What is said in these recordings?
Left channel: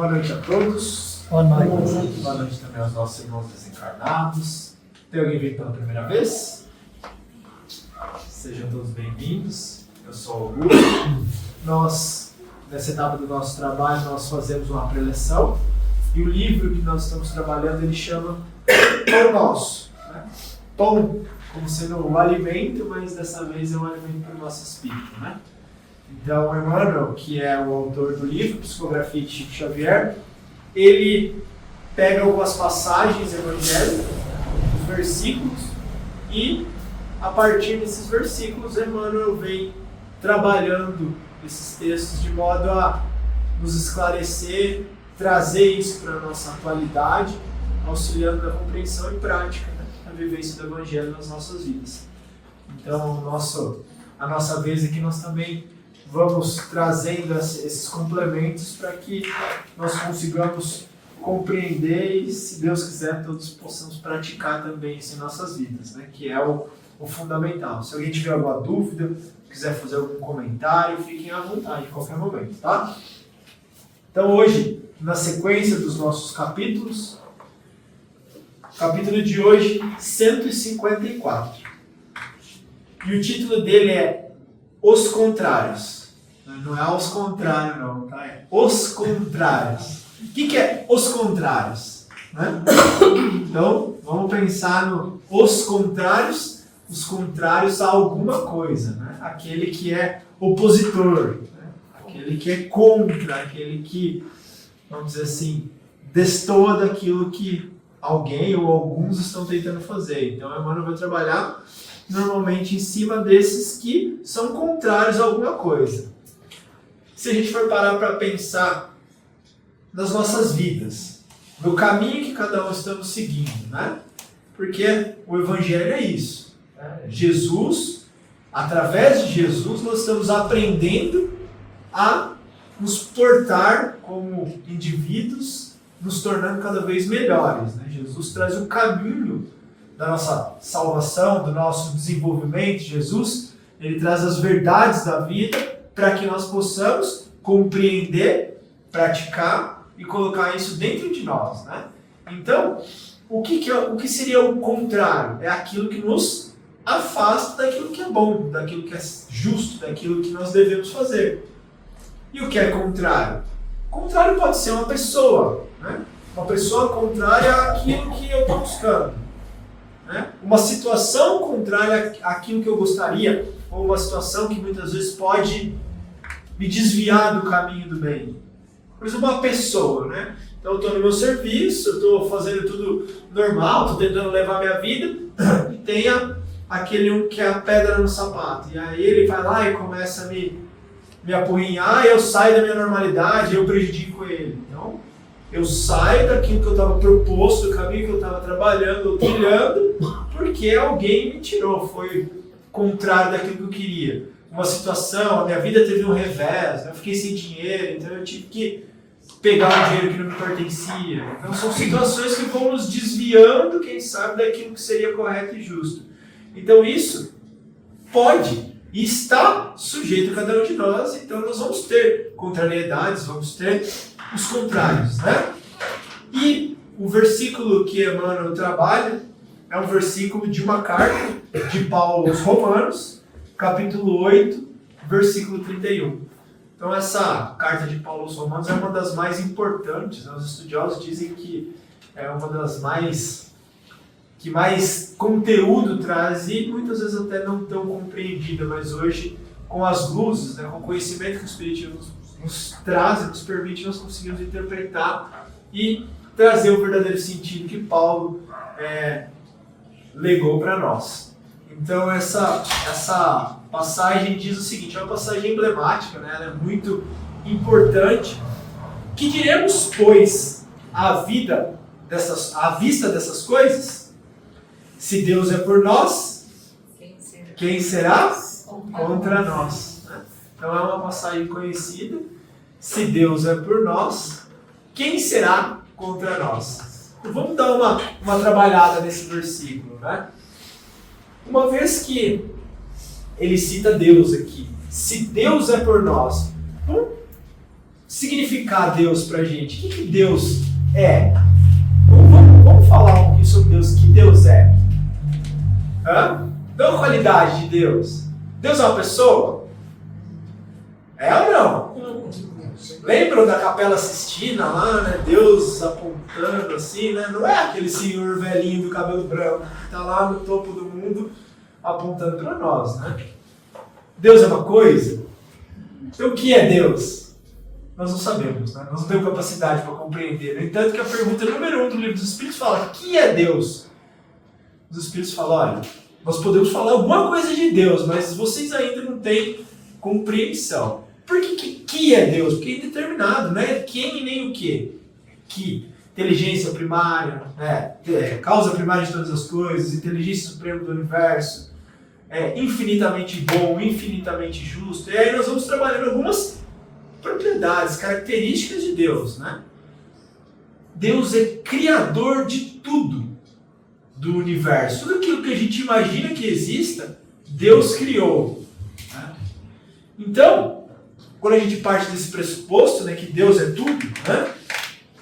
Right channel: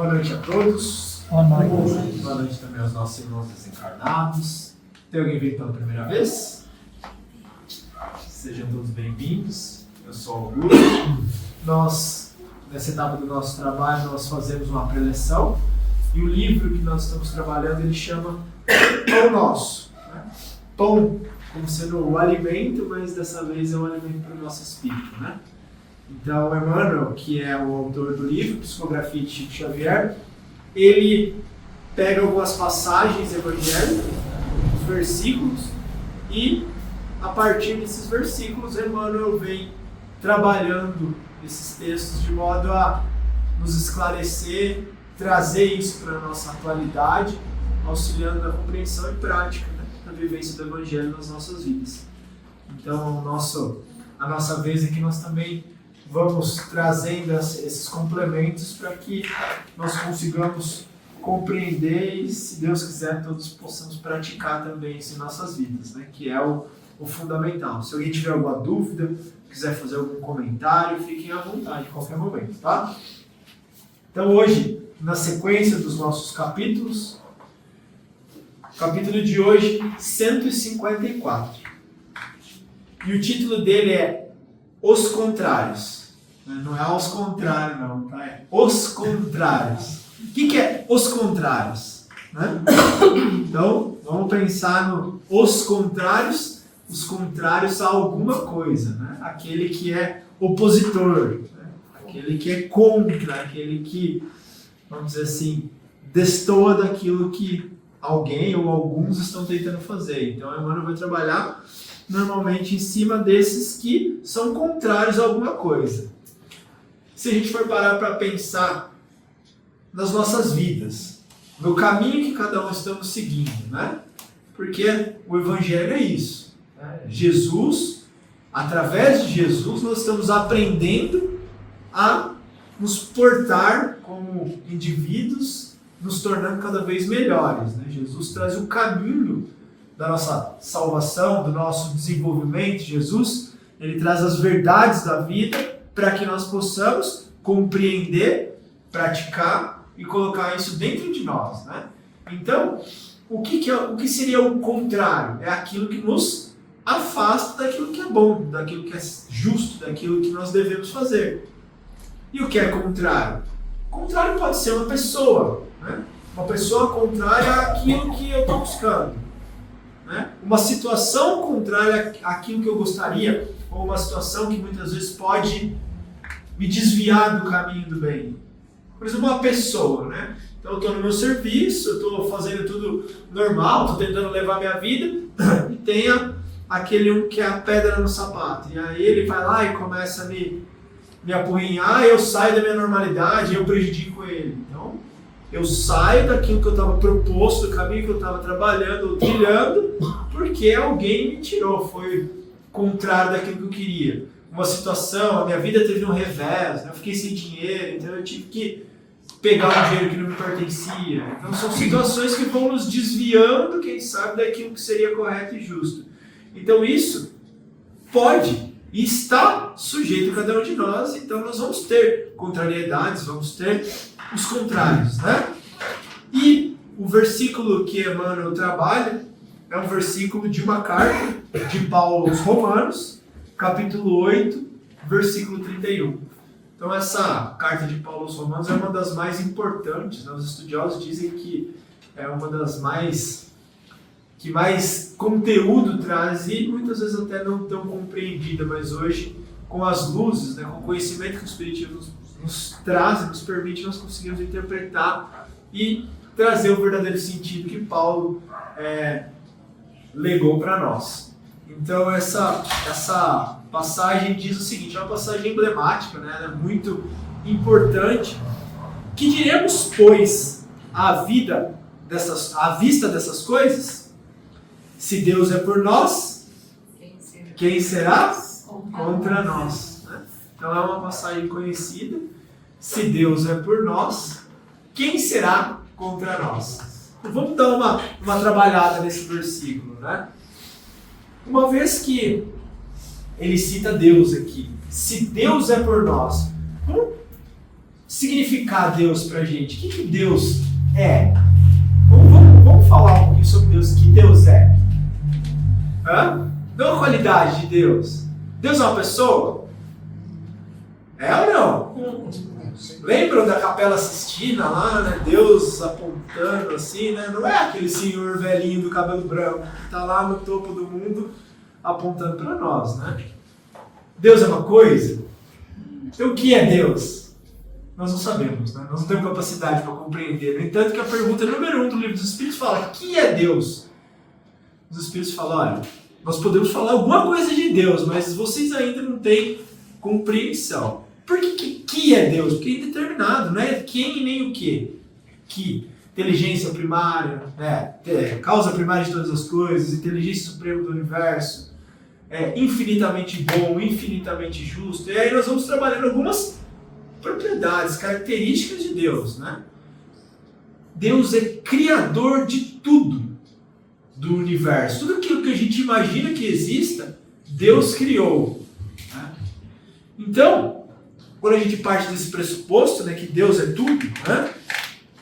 Boa noite a todos. Boa noite. Boa noite também aos nossos irmãos desencarnados. Tem alguém vindo pela primeira vez? Sejam todos bem-vindos. Eu sou o Augusto. Nós, nessa etapa do nosso trabalho, nós fazemos uma preleção. E o livro que nós estamos trabalhando, ele chama Pão Nosso. Né? Pão como sendo o alimento, mas dessa vez é um alimento para o nosso espírito. Né? Então, Emmanuel, que é o autor do livro, Psicografia de Chico Xavier, ele pega algumas passagens evangélicas, os versículos, e a partir desses versículos, Emmanuel vem trabalhando esses textos de modo a nos esclarecer, trazer isso para a nossa atualidade, auxiliando na compreensão e prática, né, na vivência do Evangelho nas nossas vidas. Então, a nossa vez aqui, nós também vamos trazendo esses complementos para que nós consigamos compreender e, se Deus quiser, todos possamos praticar também isso em nossas vidas, né? Que é o fundamental. Se alguém tiver alguma dúvida, quiser fazer algum comentário, fiquem à vontade em qualquer momento, tá? Então hoje, na sequência dos nossos capítulos, capítulo de hoje, 154. E o título dele é Os Contrários. Não é aos contrários, não, tá? É os contrários. O que é os contrários? Né? Então, vamos pensar no os contrários a alguma coisa, né? Aquele que é opositor, né? Aquele que é contra, aquele que, vamos dizer assim, destoa daquilo que alguém ou alguns estão tentando fazer. Então, Emmanuel vai trabalhar normalmente em cima desses que são contrários a alguma coisa. Se a gente for parar para pensar nas nossas vidas, no caminho que cada um estamos seguindo, né? Porque o Evangelho é isso. Né? Jesus, através de Jesus, nós estamos aprendendo a nos portar como indivíduos, nos tornando cada vez melhores. Né? Jesus traz o caminho da nossa salvação, do nosso desenvolvimento. Jesus, ele traz as verdades da vida para que nós possamos compreender, praticar e colocar isso dentro de nós, né? Então, o que seria o contrário? É aquilo que nos afasta daquilo que é bom, daquilo que é justo, daquilo que nós devemos fazer. E o que é contrário? Contrário pode ser uma pessoa, né? Uma pessoa contrária àquilo que eu estou buscando. Né? Uma situação contrária àquilo que eu gostaria, ou uma situação que muitas vezes pode me desviar do caminho do bem. Por exemplo, uma pessoa, né? Então eu estou no meu serviço, eu estou fazendo tudo normal, estou tentando levar a minha vida, e tem aquele um que é a pedra no sapato. E aí ele vai lá e começa a me apurrinhar, eu saio da minha normalidade, eu prejudico ele. Então, eu saio daquilo que eu estava proposto, do caminho que eu estava trabalhando ou trilhando, porque alguém me tirou, foi contrário daquilo que eu queria. Uma situação, a minha vida teve um revés, eu fiquei sem dinheiro, então eu tive que pegar um dinheiro que não me pertencia. Então são situações que vão nos desviando, quem sabe, daquilo que seria correto e justo. Então isso pode e está sujeito a cada um de nós, então nós vamos ter contrariedades, vamos ter os contrários, né? E o versículo que Emmanuel trabalha é um versículo de uma carta de Paulo aos Romanos, capítulo 8, versículo 31. Então essa carta de Paulo aos Romanos é uma das mais importantes, né? Os estudiosos dizem que é uma das que mais conteúdo traz e muitas vezes até não tão compreendida, mas hoje com as luzes, né, com o conhecimento que o Espiritismo nos traz e nos permite, nós conseguimos interpretar e trazer o verdadeiro sentido que Paulo legou para nós. Então essa passagem diz o seguinte, é uma passagem emblemática, né? Ela é muito importante. Que diremos, pois, à vista dessas coisas? Se Deus é por nós, quem será contra nós? Né? Então é uma passagem conhecida. Se Deus é por nós, quem será contra nós? Então, vamos dar uma trabalhada nesse versículo, né? Uma vez que ele cita Deus aqui, se Deus é por nós, vamos significar Deus pra gente. O que Deus é? Vamos falar um pouquinho sobre Deus. O que Deus é? Não a qualidade de Deus. Deus é uma pessoa? É ou não? Lembram da Capela Sistina lá, né? Deus apontando assim, né? Não é aquele senhor velhinho do cabelo branco que está lá no topo do mundo apontando para nós, né? Deus é uma coisa? Então o que é Deus? Nós não sabemos, né? Nós não temos capacidade para compreender. No entanto, que a pergunta número 1 do Livro dos Espíritos fala: o que é Deus? Os Espíritos falam: olha, nós podemos falar alguma coisa de Deus, mas vocês ainda não têm compreensão. Por que é Deus? Porque é indeterminado, não é quem e nem o quê. Que inteligência primária, né? Causa primária de todas as coisas, inteligência suprema do universo, infinitamente bom, infinitamente justo. E aí nós vamos trabalhando algumas propriedades, características de Deus, né? Deus é criador de tudo do universo. Tudo aquilo que a gente imagina que exista, Deus criou. Né? Então, quando a gente parte desse pressuposto, né, que Deus é tudo, né?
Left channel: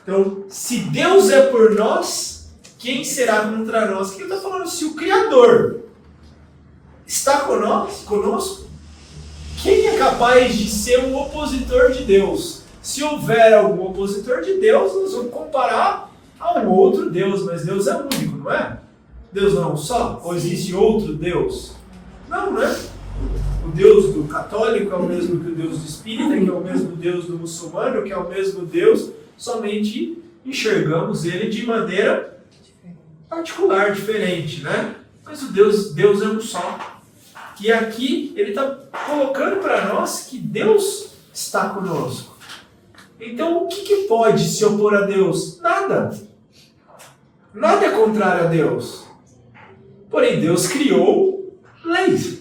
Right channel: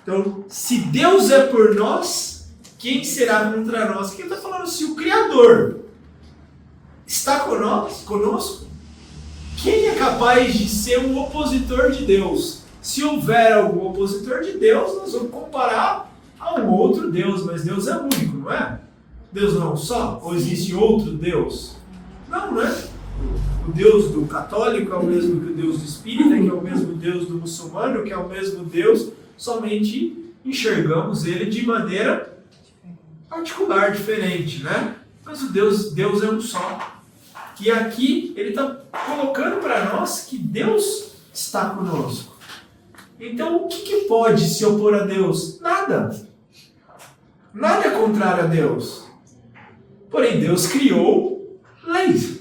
Então, se Deus é por nós, quem será contra nós? Quem está falando? Se o Criador está conosco, quem é capaz de ser um opositor de Deus? Se houver algum opositor de Deus, nós vamos comparar a um outro Deus, mas Deus é único, não é? Deus não é um só? Ou existe outro Deus? Não, não é? O Deus do católico é o mesmo que o Deus do espírita, que é o mesmo Deus do muçulmano, que é o mesmo Deus, somente enxergamos ele de maneira particular, diferente, né? Mas o Deus é um só. E aqui ele está colocando para nós que Deus está conosco. Então o que pode se opor a Deus? Nada. Nada é contrário a Deus. Porém, Deus criou leis.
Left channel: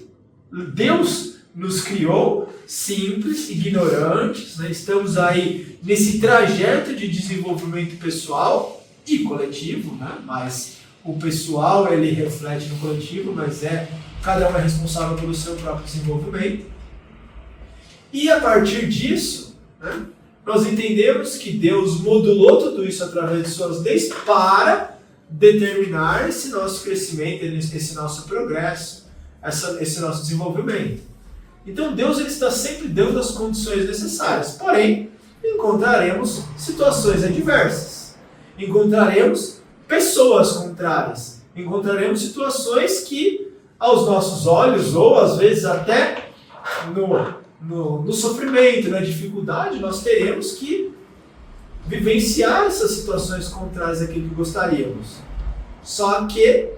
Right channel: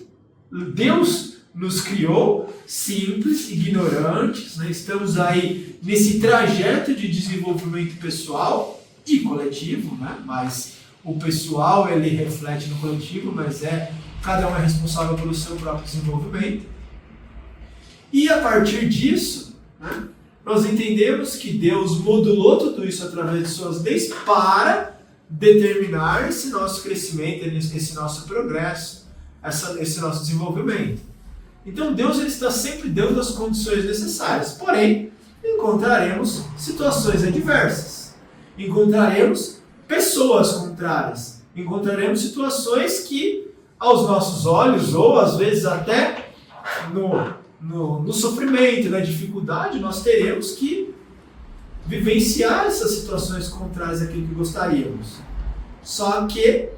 Deus nos criou simples, ignorantes, né? Estamos aí nesse trajeto de desenvolvimento pessoal e coletivo, né? Mas o pessoal ele reflete no coletivo, mas cada um é responsável pelo seu próprio desenvolvimento. E a partir disso, né, nós entendemos que Deus modulou tudo isso através de suas leis para determinar esse nosso crescimento, esse nosso progresso, esse nosso desenvolvimento. Então Deus ele está sempre dando as condições necessárias, porém encontraremos situações adversas, encontraremos pessoas contrárias, encontraremos situações que aos nossos olhos, ou às vezes até no sofrimento, na dificuldade, nós teremos que vivenciar essas situações contrárias àquilo que gostaríamos. Só que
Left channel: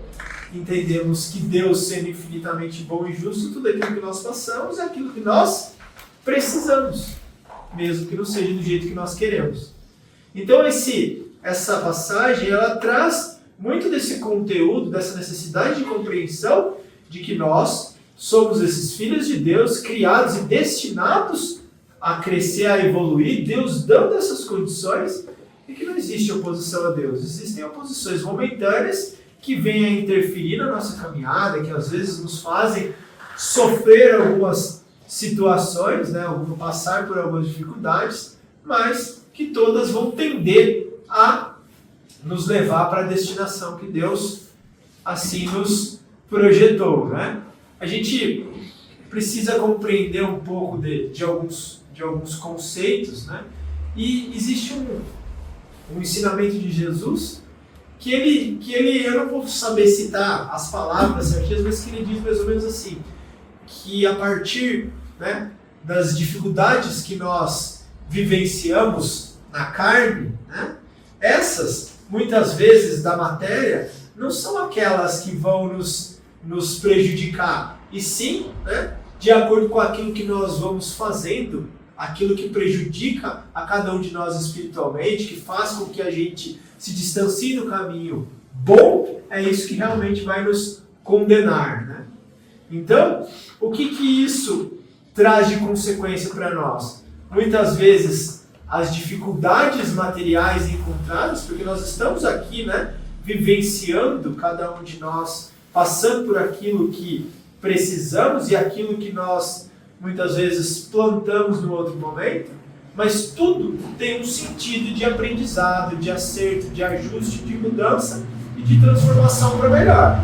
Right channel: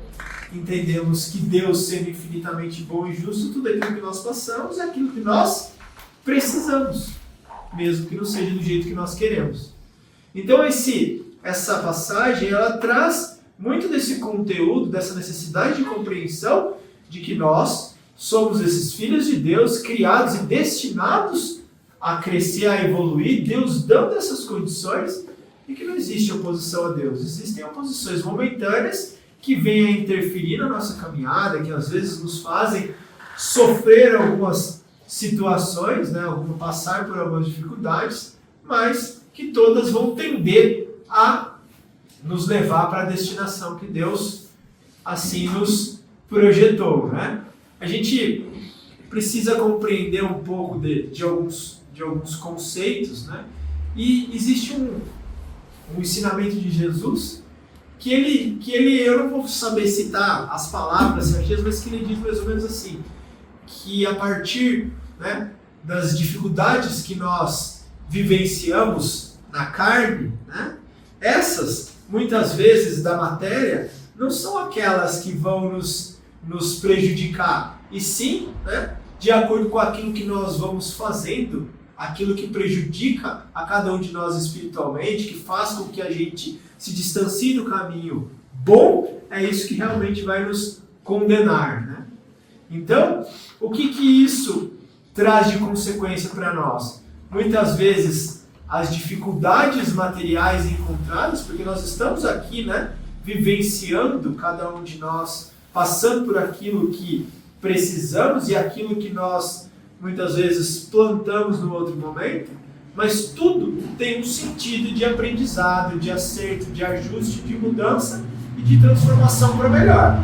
entendemos que Deus, sendo infinitamente bom e justo, tudo aquilo que nós passamos é aquilo que nós precisamos, mesmo que não seja do jeito que nós queremos. Então essa passagem ela traz muito desse conteúdo, dessa necessidade de compreensão de que nós somos esses filhos de Deus, criados e destinados a crescer, a evoluir, Deus dando essas condições, e que não existe oposição a Deus. Existem oposições momentâneas que vêm a interferir na nossa caminhada, que às vezes nos fazem sofrer algumas situações, né, passar por algumas dificuldades, mas que todas vão tender a nos levar para a destinação que Deus assim nos projetou, né? A gente precisa compreender um pouco de alguns conceitos, né? E existe um ensinamento de Jesus que ele eu não vou saber citar as palavras certinhas, mas que ele diz mais ou menos assim, que a partir, né, das dificuldades que nós vivenciamos na carne, né, essas, muitas vezes, da matéria, não são aquelas que vão nos prejudicar, e sim, né, de acordo com aquilo que nós vamos fazendo, aquilo que prejudica a cada um de nós espiritualmente, que faz com que a gente se distancie do caminho bom, é isso que realmente vai nos condenar, né? Então, o que isso traz de consequência para nós? Muitas vezes, as dificuldades materiais encontradas, porque nós estamos aqui, né, vivenciando, cada um de nós, passando por aquilo que precisamos e aquilo que nós, muitas vezes, plantamos no outro momento, mas tudo tem um sentido de aprendizado, de acerto, de ajuste, de mudança e de transformação para melhor.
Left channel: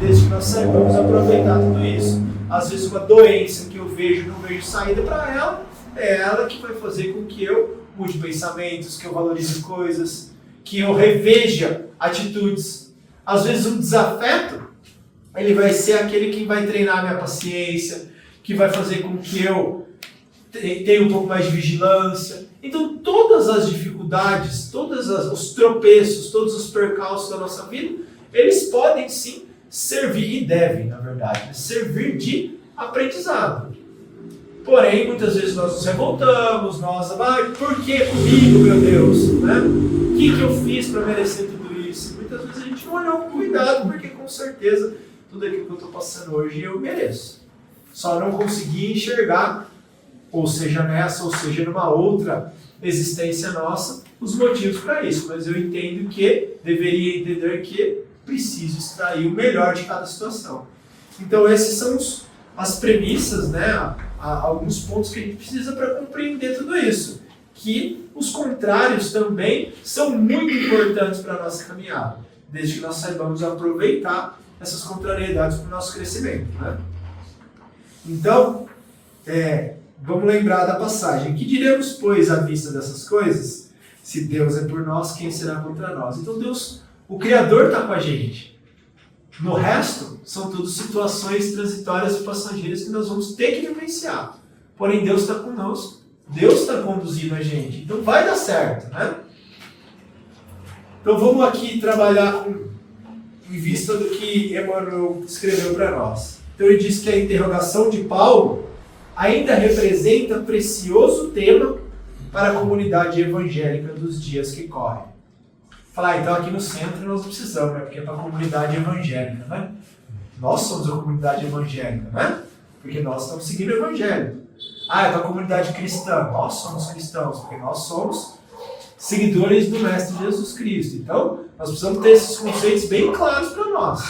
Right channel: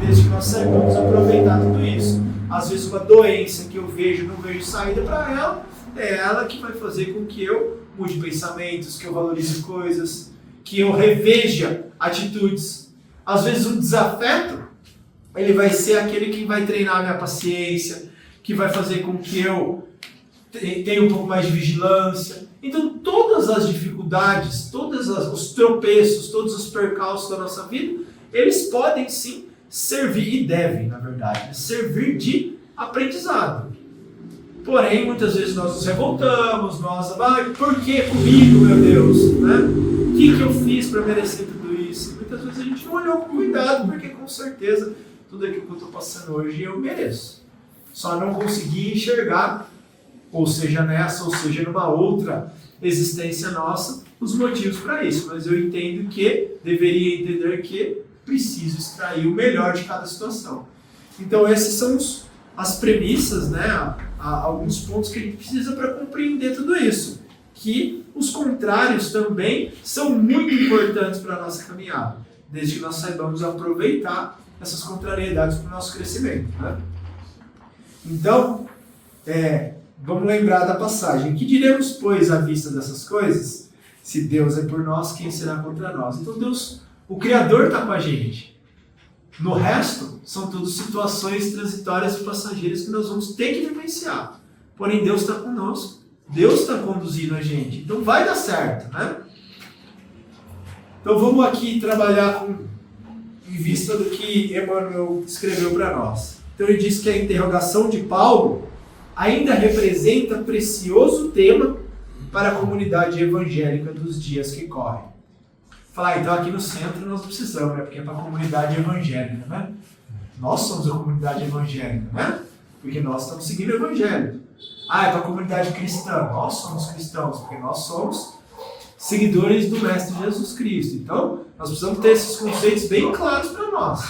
Desde que nós saibamos aproveitar tudo isso. Às vezes uma doença que eu vejo, não vejo saída para ela, é ela que vai fazer com que eu mude pensamentos, que eu valorize coisas, que eu reveja atitudes. Às vezes um desafeto, ele vai ser aquele que vai treinar a minha paciência, que vai fazer com que eu tenha um pouco mais de vigilância. Então todas as dificuldades, todos os tropeços, todos os percalços da nossa vida, eles podem sim servir, e devem, na verdade, servir de aprendizado. Porém, muitas vezes nós nos revoltamos, por que comigo, meu Deus? Né? O que eu fiz para merecer tudo isso? Muitas vezes a gente não olhou com cuidado, porque com certeza tudo aquilo que eu estou passando hoje eu mereço. Só não consegui enxergar, ou seja nessa, ou seja numa outra existência nossa, os motivos para isso. Mas eu entendo que, deveria entender que preciso extrair o melhor de cada situação. Então esses são as premissas, né? Alguns pontos que a gente precisa para compreender tudo isso. Que os contrários também são muito importantes para a nossa caminhada, desde que nós saibamos aproveitar essas contrariedades para o nosso crescimento. Né? Então, vamos lembrar da passagem. Que diremos, pois, à vista dessas coisas? Se Deus é por nós, quem será contra nós? Então Deus, o Criador, está com a gente. No resto, são tudo situações transitórias e passageiras que nós vamos ter que vivenciar. Porém, Deus está conosco. Deus está conduzindo a gente. Então vai dar certo, né? Então vamos aqui trabalhar em vista do que Emmanuel escreveu para nós. Então ele diz que a interrogação de Paulo ainda representa precioso tema para a comunidade evangélica dos dias que correm. Falar, então aqui no centro nós precisamos, né? Porque é para a comunidade evangélica, né? Nós somos a comunidade evangélica, né? Porque nós estamos seguindo o evangelho. É para a comunidade cristã. Nós somos cristãos, porque nós somos seguidores do Mestre Jesus Cristo. Então, nós precisamos ter esses conceitos bem claros para nós.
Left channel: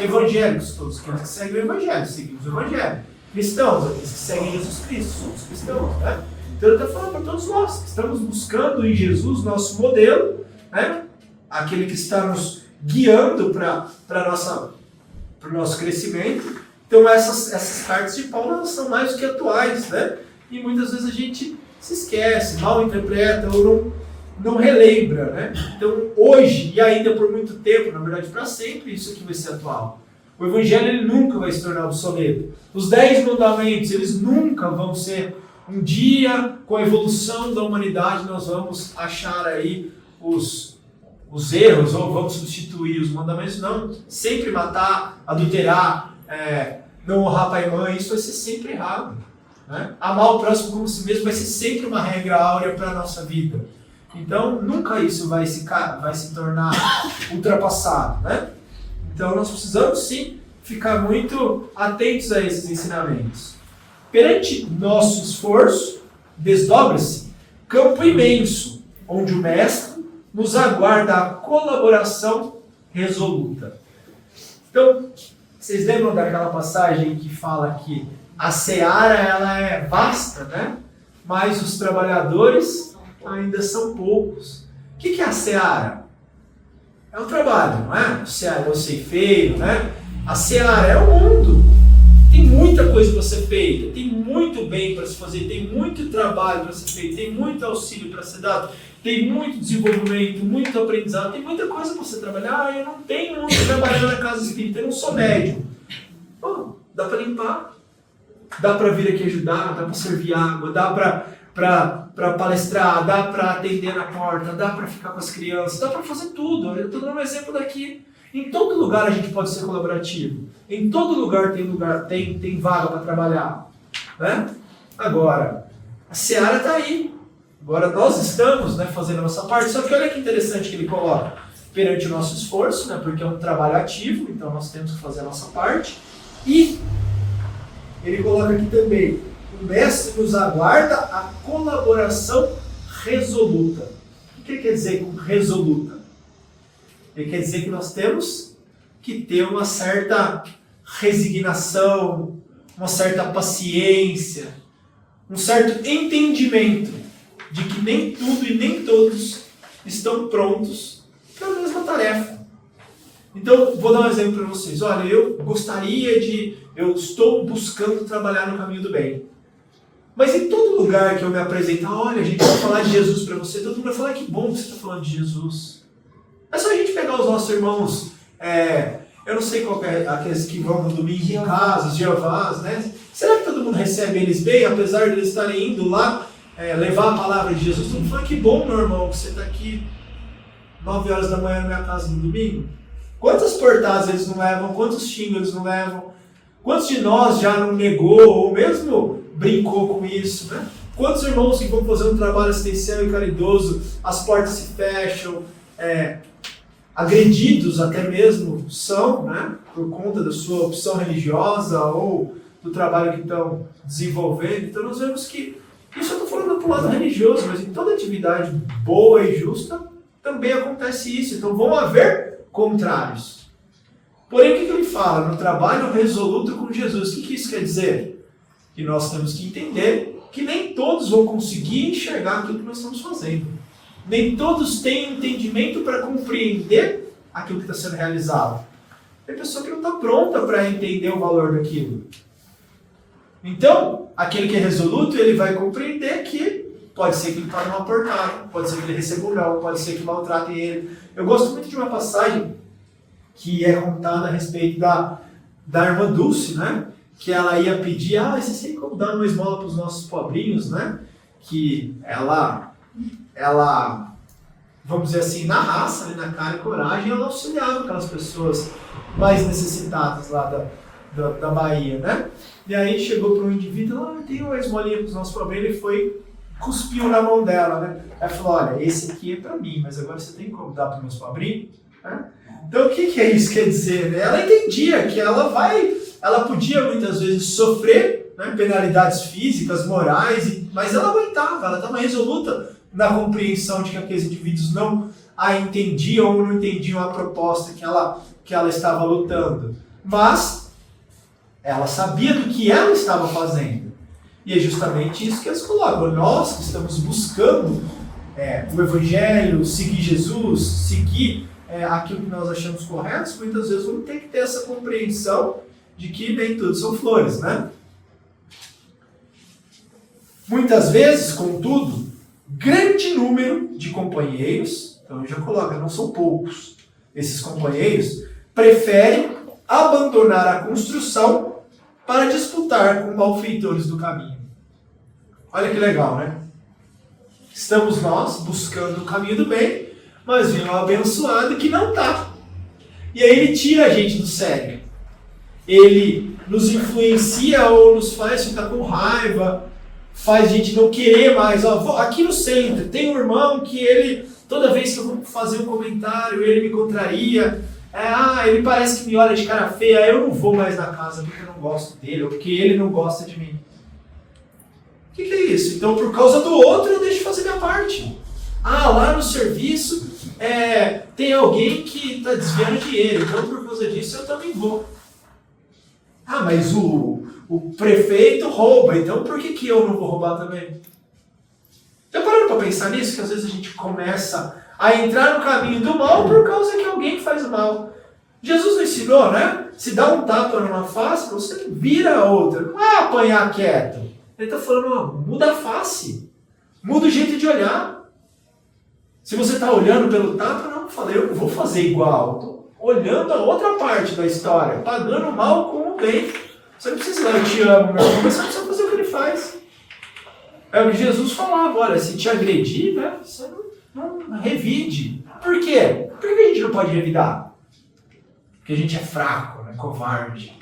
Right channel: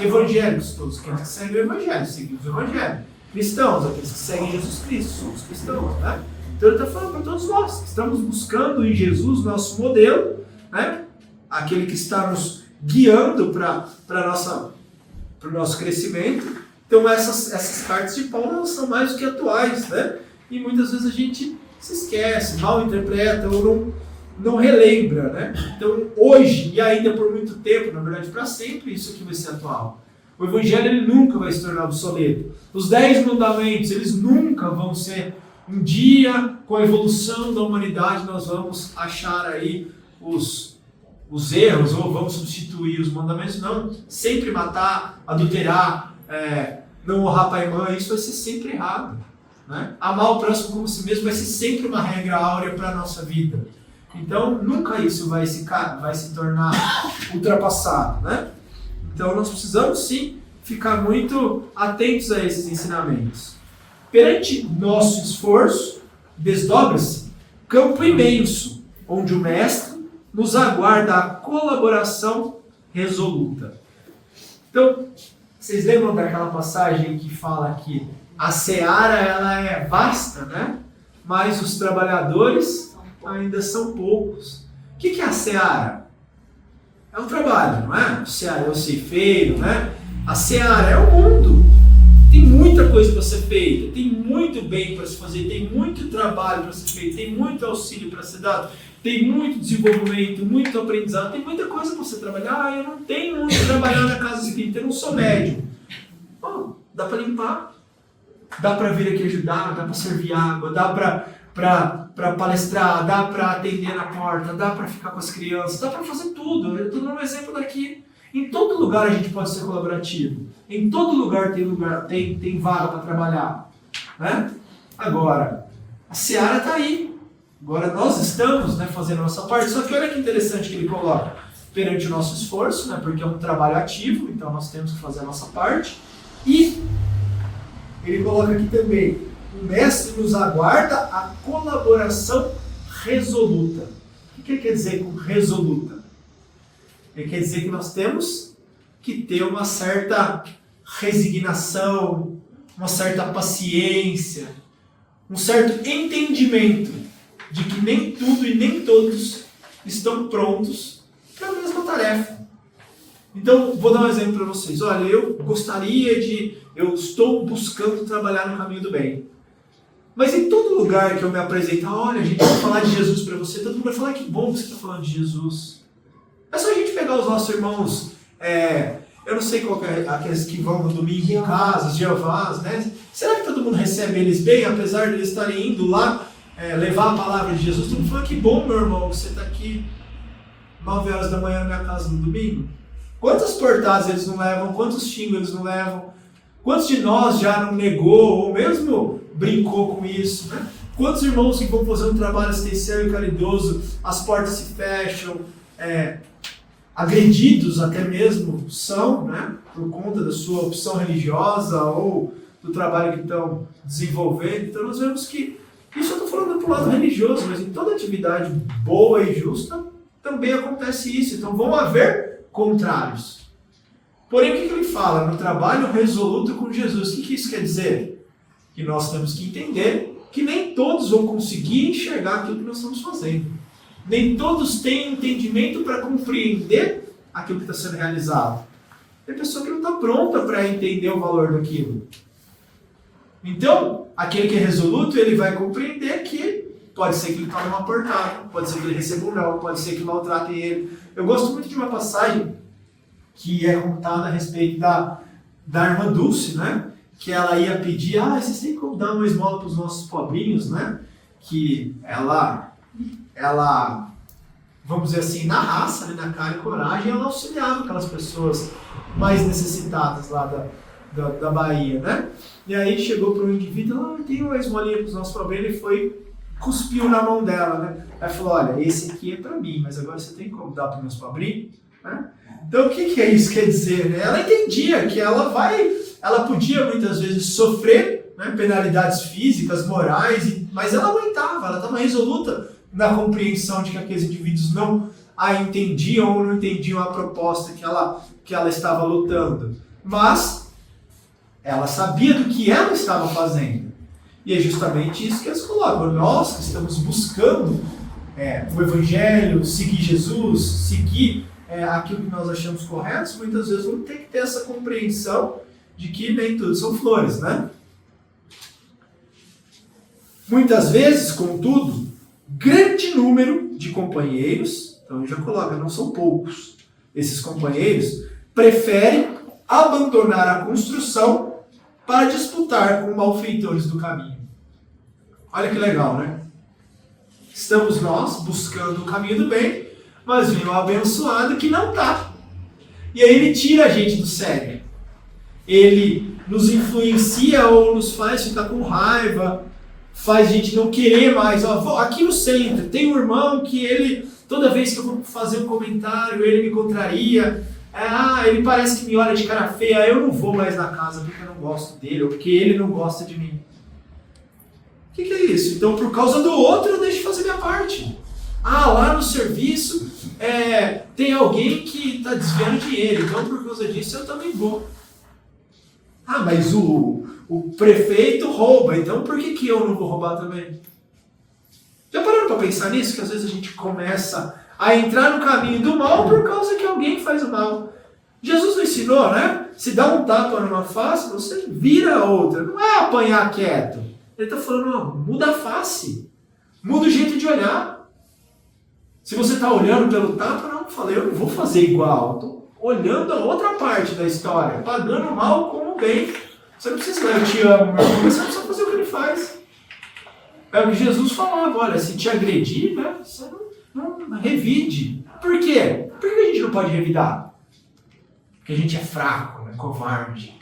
Evangélicos, todos aqueles que seguem o evangelho, seguimos o evangelho. Cristãos, aqueles que seguem Jesus Cristo, somos cristãos, né? Então ele está falando para todos nós, que estamos buscando em Jesus nosso modelo, né? Aquele que está nos guiando para o nosso crescimento. Então essas cartas de Paulo, elas são mais do que atuais, né? E muitas vezes a gente se esquece, mal interpreta ou não relembra, né? Então hoje e ainda por muito tempo, na verdade para sempre, isso aqui vai ser atual. O Evangelho ele nunca vai se tornar obsoleto. Os 10 mandamentos, eles nunca vão ser... Um dia, com a evolução da humanidade, nós vamos achar aí os erros, ou vamos substituir os mandamentos. Não, sempre matar, adulterar, não honrar pai e mãe, isso vai ser sempre errado. Né? Amar o próximo como si mesmo vai ser sempre uma regra áurea para a nossa vida. Então, nunca isso vai se tornar ultrapassado. Né? Então, nós precisamos sim ficar muito atentos a esses ensinamentos. Perante nosso esforço, desdobra-se campo imenso, onde o Mestre nos aguarda a colaboração resoluta. Então, vocês lembram daquela passagem que fala que a seara ela é vasta, né? Mas os trabalhadores ainda são poucos. O que é a seara? É um trabalho, não é? O seara é o ceifeiro, né? A seara é o mundo. Tem muita coisa para ser feita, tem muito bem para se fazer, tem muito trabalho para ser feito, tem muito auxílio para ser dado, tem muito desenvolvimento, muito aprendizado, tem muita coisa para você trabalhar. Eu não tenho onde trabalhar na casa espírita, eu não sou médium. Dá para limpar, dá para vir aqui ajudar, dá para servir água, dá para palestrar, dá para atender na porta, dá para ficar com as crianças, dá para fazer tudo. Eu estou dando um exemplo daqui. Em todo lugar a gente pode ser colaborativo. Em todo lugar tem vaga para trabalhar. Né? Agora, a seara está aí. Agora nós estamos, né, fazendo a nossa parte. Só que olha que interessante que ele coloca. Perante o nosso esforço, né, porque é um trabalho ativo, então nós temos que fazer a nossa parte. E ele coloca aqui também, o Mestre nos aguarda a colaboração resoluta. O que ele quer dizer com resoluta? Ele quer dizer que nós temos que ter uma certa resignação, uma certa paciência, um certo entendimento de que nem tudo e nem todos estão prontos para a mesma tarefa. Então, vou dar um exemplo para vocês. Olha, eu estou buscando trabalhar no caminho do bem. Mas em todo lugar que eu me apresentar, olha, a gente vai falar de Jesus para você, todo mundo vai falar, que bom que você está falando de Jesus. É só a gente pegar os nossos irmãos, eu não sei qual é, aqueles que vão no domingo em casa, os Jeovás, né? Será que todo mundo recebe eles bem, apesar de eles estarem indo lá levar a palavra de Jesus? Todo mundo fala, que bom, meu irmão, que você está aqui 9 horas da manhã na minha casa no domingo. Quantas portadas eles não levam, quantos xingos eles não levam, quantos de nós já não negou, ou mesmo brincou com isso, né? Quantos irmãos que vão fazer um trabalho assistencial e caridoso, as portas se fecham, agredidos até mesmo são, né? Por conta da sua opção religiosa ou do trabalho que estão desenvolvendo. Então nós vemos que, isso eu estou falando do lado religioso, mas em toda atividade boa e justa também acontece isso. Então vão haver contrários. Porém, o que ele fala? No trabalho resoluto com Jesus. O que isso quer dizer? Que nós temos que entender que nem todos vão conseguir enxergar aquilo que nós estamos fazendo. Nem todos têm entendimento para compreender aquilo que está sendo realizado. Tem pessoa que não está pronta para entender o valor daquilo. Então, aquele que é resoluto, ele vai compreender que pode ser que ele tome uma portada, pode ser que ele receba um não, pode ser que maltratem ele. Eu gosto muito de uma passagem que é contada a respeito da irmã Dulce, né? Que ela ia pedir, vocês têm como dar uma esmola para os nossos pobrinhos, né? Que ela, vamos dizer assim, na raça, na cara e coragem, ela auxiliava aquelas pessoas mais necessitadas lá da Bahia, né? E aí chegou para um indivíduo, tem uma esmolinha para os nossos pobrinhos, ele foi, cuspiu na mão dela, né? Ela falou, olha, esse aqui é para mim, mas agora você tem como dar para os meus pobrinhos? Né? Então o que é isso quer dizer? Né? Ela entendia que ela podia muitas vezes sofrer, né, penalidades físicas, morais, mas ela aguentava, ela estava resoluta na compreensão de que aqueles indivíduos não a entendiam ou não entendiam a proposta que ela estava lutando. Mas ela sabia do que ela estava fazendo. E é justamente isso que eles colocam. Nós que estamos buscando o Evangelho, seguir Jesus, seguir aquilo que nós achamos correto, muitas vezes vamos ter que ter essa compreensão de que nem tudo são flores, né? Muitas vezes, contudo, grande número de companheiros, então ele já coloca, não são poucos, esses companheiros preferem abandonar a construção para disputar com malfeitores do caminho. Olha que legal, né? Estamos nós buscando o caminho do bem, mas vem um abençoado que não está. E aí ele tira a gente do sério. Ele nos influencia ou nos faz ficar com raiva, faz a gente não querer mais. Aqui no centro tem um irmão que ele, toda vez que eu vou fazer um comentário, ele me contraria. Ele parece que me olha de cara feia, eu não vou mais na casa porque eu não gosto dele, ou porque ele não gosta de mim. O que é isso? Então, por causa do outro, eu deixo de fazer minha parte. Lá no serviço tem alguém que está desviando dinheiro, então por causa disso eu também vou. Mas o prefeito rouba, então por que eu não vou roubar também? Já pararam para pensar nisso? Que às vezes a gente começa a entrar no caminho do mal por causa que alguém faz o mal. Jesus não ensinou, né? Se dá um tapa numa face, você vira a outra. Não é apanhar quieto. Ele está falando, muda a face. Muda o jeito de olhar. Se você está olhando pelo tapa, não, eu não vou fazer igual. Estou olhando a outra parte da história, pagando o mal com o bem. Você não precisa falar, eu te amo, meu irmão, mas você precisa fazer o que ele faz. É o que Jesus falava, olha, se te agredir, né, você não revide. Por quê? Por que a gente não pode revidar? Porque a gente é fraco, né, covarde.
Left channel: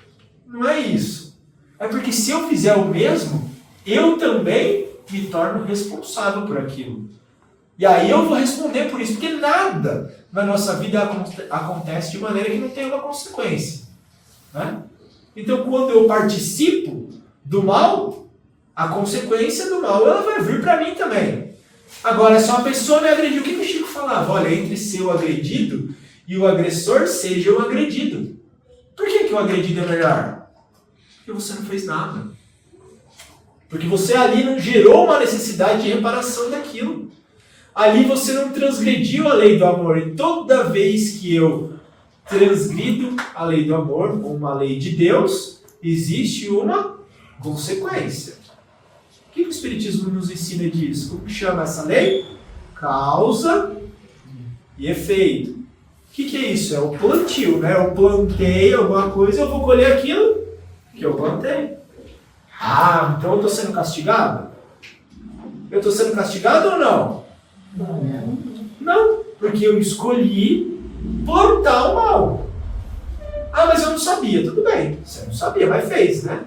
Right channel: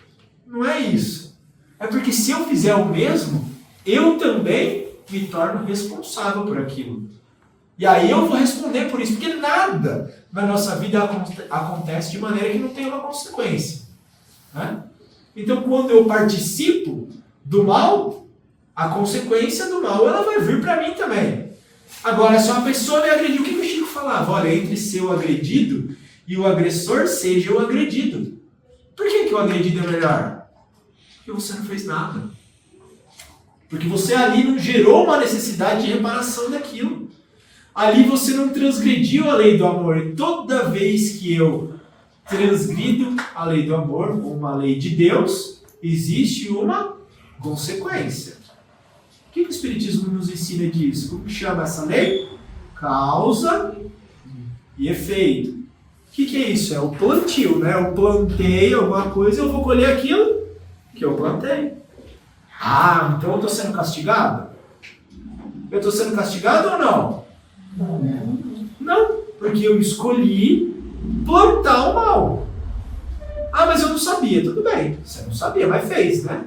Não é isso. É porque se eu fizer o mesmo, eu também me torno responsável por aquilo. E aí eu vou responder por isso, porque nada na nossa vida acontece de maneira que não tem uma consequência. Né? Então, quando eu participo do mal, a consequência do mal ela vai vir para mim também. Agora, se uma pessoa me agrediu, o que o Chico falava? Olha, entre ser o agredido e o agressor, seja o agredido. Por que o agredido é melhor? Porque você não fez nada. Porque você ali não gerou uma necessidade de reparação daquilo. Ali você não transgrediu a lei do amor. E toda vez que eu transgrido a lei do amor, uma lei de Deus, existe uma consequência. O que o Espiritismo nos ensina disso? Como que chama essa lei? Causa e efeito. O que é isso? É o plantio, né? Eu plantei alguma coisa, eu vou colher aquilo que eu plantei. Ah, então eu estou sendo castigado? Eu estou sendo castigado ou não? Não, porque eu escolhi plantar o mal. Ah, mas eu não sabia. Tudo bem, você não sabia, mas fez, né?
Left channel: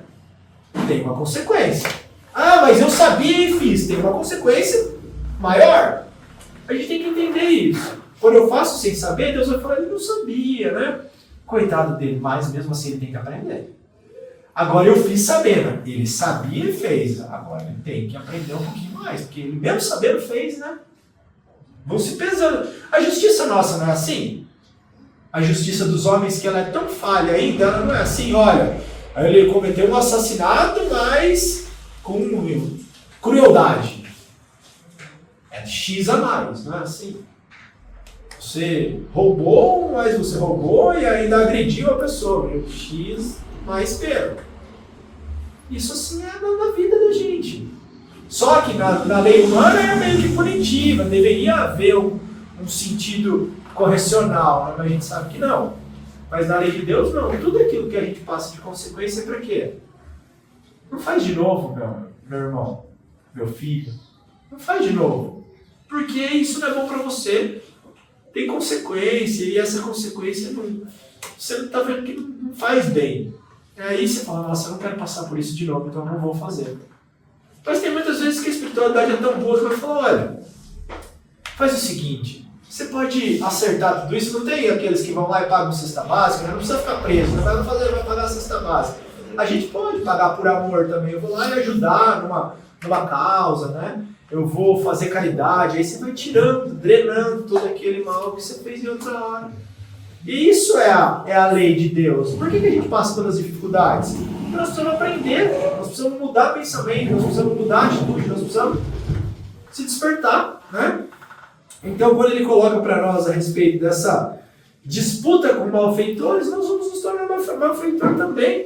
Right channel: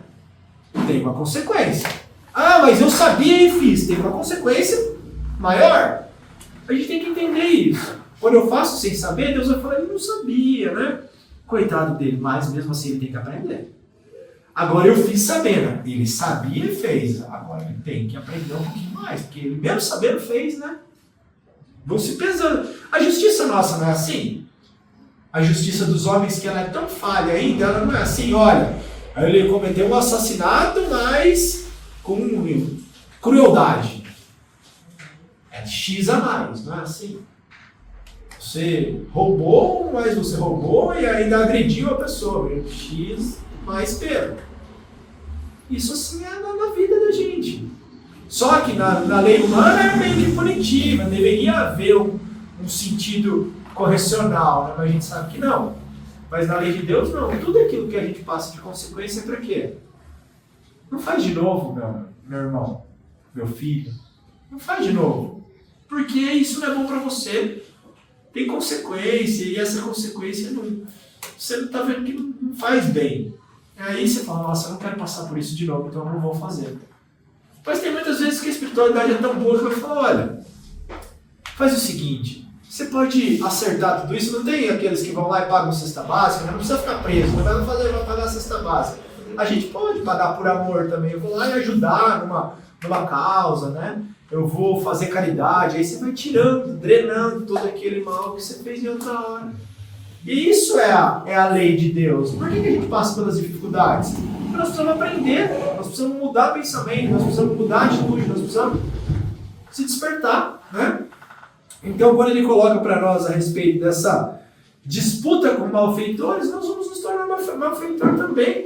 Tem uma consequência. Ah, mas eu sabia e fiz. Tem uma consequência maior. A gente tem que entender isso. Quando eu faço sem saber, Deus vai falar, ele não sabia, né? Coitado dele, mas mesmo assim ele tem que aprender. Agora eu fiz sabendo. Ele sabia e fez. Agora ele tem que aprender um pouquinho mais, porque ele mesmo sabendo fez, né? Vão se pesando. A justiça nossa não é assim? A justiça dos homens, que ela é tão falha ainda, ela não é assim, olha, ele cometeu um assassinato, mas com crueldade. É X a mais, não é assim? Você roubou, mas você roubou e ainda agrediu a pessoa. X mais pena. Isso assim é na vida da gente. Só que na lei humana é meio que punitiva, deveria haver um sentido correcional, né? Mas a gente sabe que não. Mas na lei de Deus não. Tudo aquilo que a gente passa de consequência é para quê? Não faz de novo, meu irmão, meu filho. Não faz de novo. Porque isso não é bom para você. Tem consequência, e essa consequência você não está vendo que não faz bem. Aí você fala, nossa, eu não quero passar por isso de novo, então eu não vou fazer. Mas tem muitas vezes que a espiritualidade é tão boa que vai falar, olha, faz o seguinte, você pode acertar tudo isso, não tem aqueles que vão lá e pagam cesta básica, não precisa ficar preso, não vai pagar a cesta básica. A gente pode pagar por amor também, eu vou lá e ajudar numa causa, né? Eu vou fazer caridade, aí você vai tirando, drenando todo aquele mal que você fez em outra hora. E isso é a lei de Deus. Por que a gente passa pelas dificuldades? Porque nós precisamos aprender, nós precisamos mudar pensamento, nós precisamos mudar atitude, nós precisamos se despertar, né? Então, quando ele coloca para nós a respeito dessa disputa com malfeitores, nós vamos nos tornar malfeitor também.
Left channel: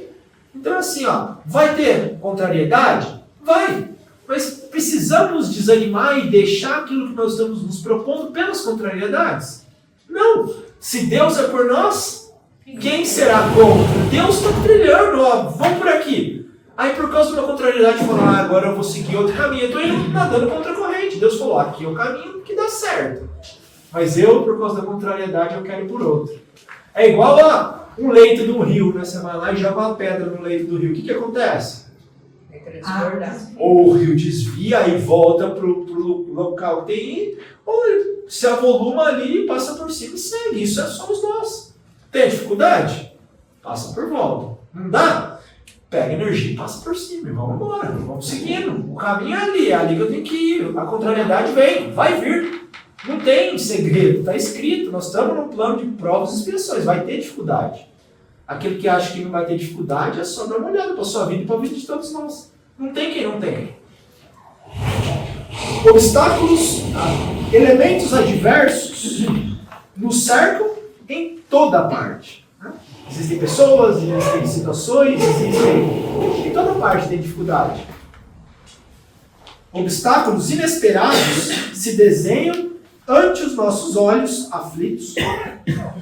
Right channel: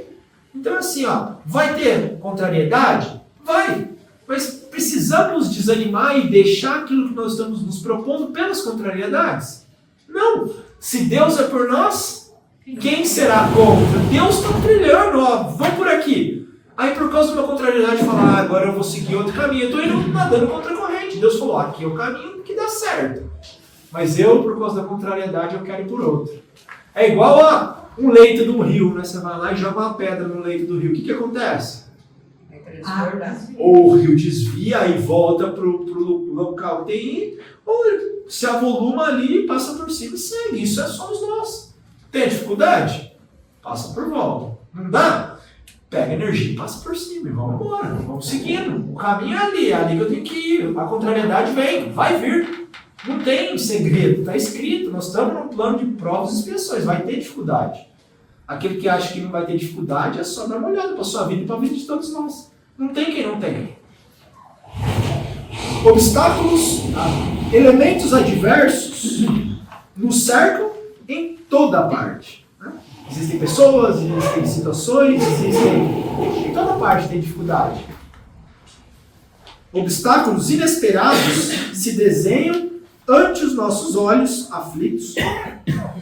Então, assim, vai ter contrariedade? Vai! Mas precisamos desanimar e deixar aquilo que nós estamos nos propondo pelas contrariedades? Não! Se Deus é por nós, quem será contra? Deus está trilhando, vamos por aqui. Aí por causa de uma contrariedade, falar, agora eu vou seguir outro caminho. Eu estou indo nadando contra a corrente. Deus falou, aqui é o caminho que dá certo. Mas eu, por causa da contrariedade, eu quero ir por outro. É igual a um leito do rio, né? Você vai lá e joga uma pedra no leito do rio. O que acontece? Ou o rio desvia e volta para o local que tem, ou se avoluma ali, passa por cima e segue. Isso somos nós. Tem dificuldade? Passa por volta. Não dá? Pega energia e passa por cima e vamos embora. Vamos seguindo. O caminho é ali que eu tenho que ir. A contrariedade vem, vai vir. Não tem segredo, está escrito. Nós estamos num plano de provas e expiações. Vai ter dificuldade. Aquele que acha que não vai ter dificuldade é só dar uma olhada para a sua vida e para a vida de todos nós. Não tem quem não tem. Obstáculos, elementos adversos nos cercam em toda parte. Né? Existem pessoas, existem situações, em toda parte tem dificuldade. Obstáculos inesperados se desenham ante os nossos olhos aflitos.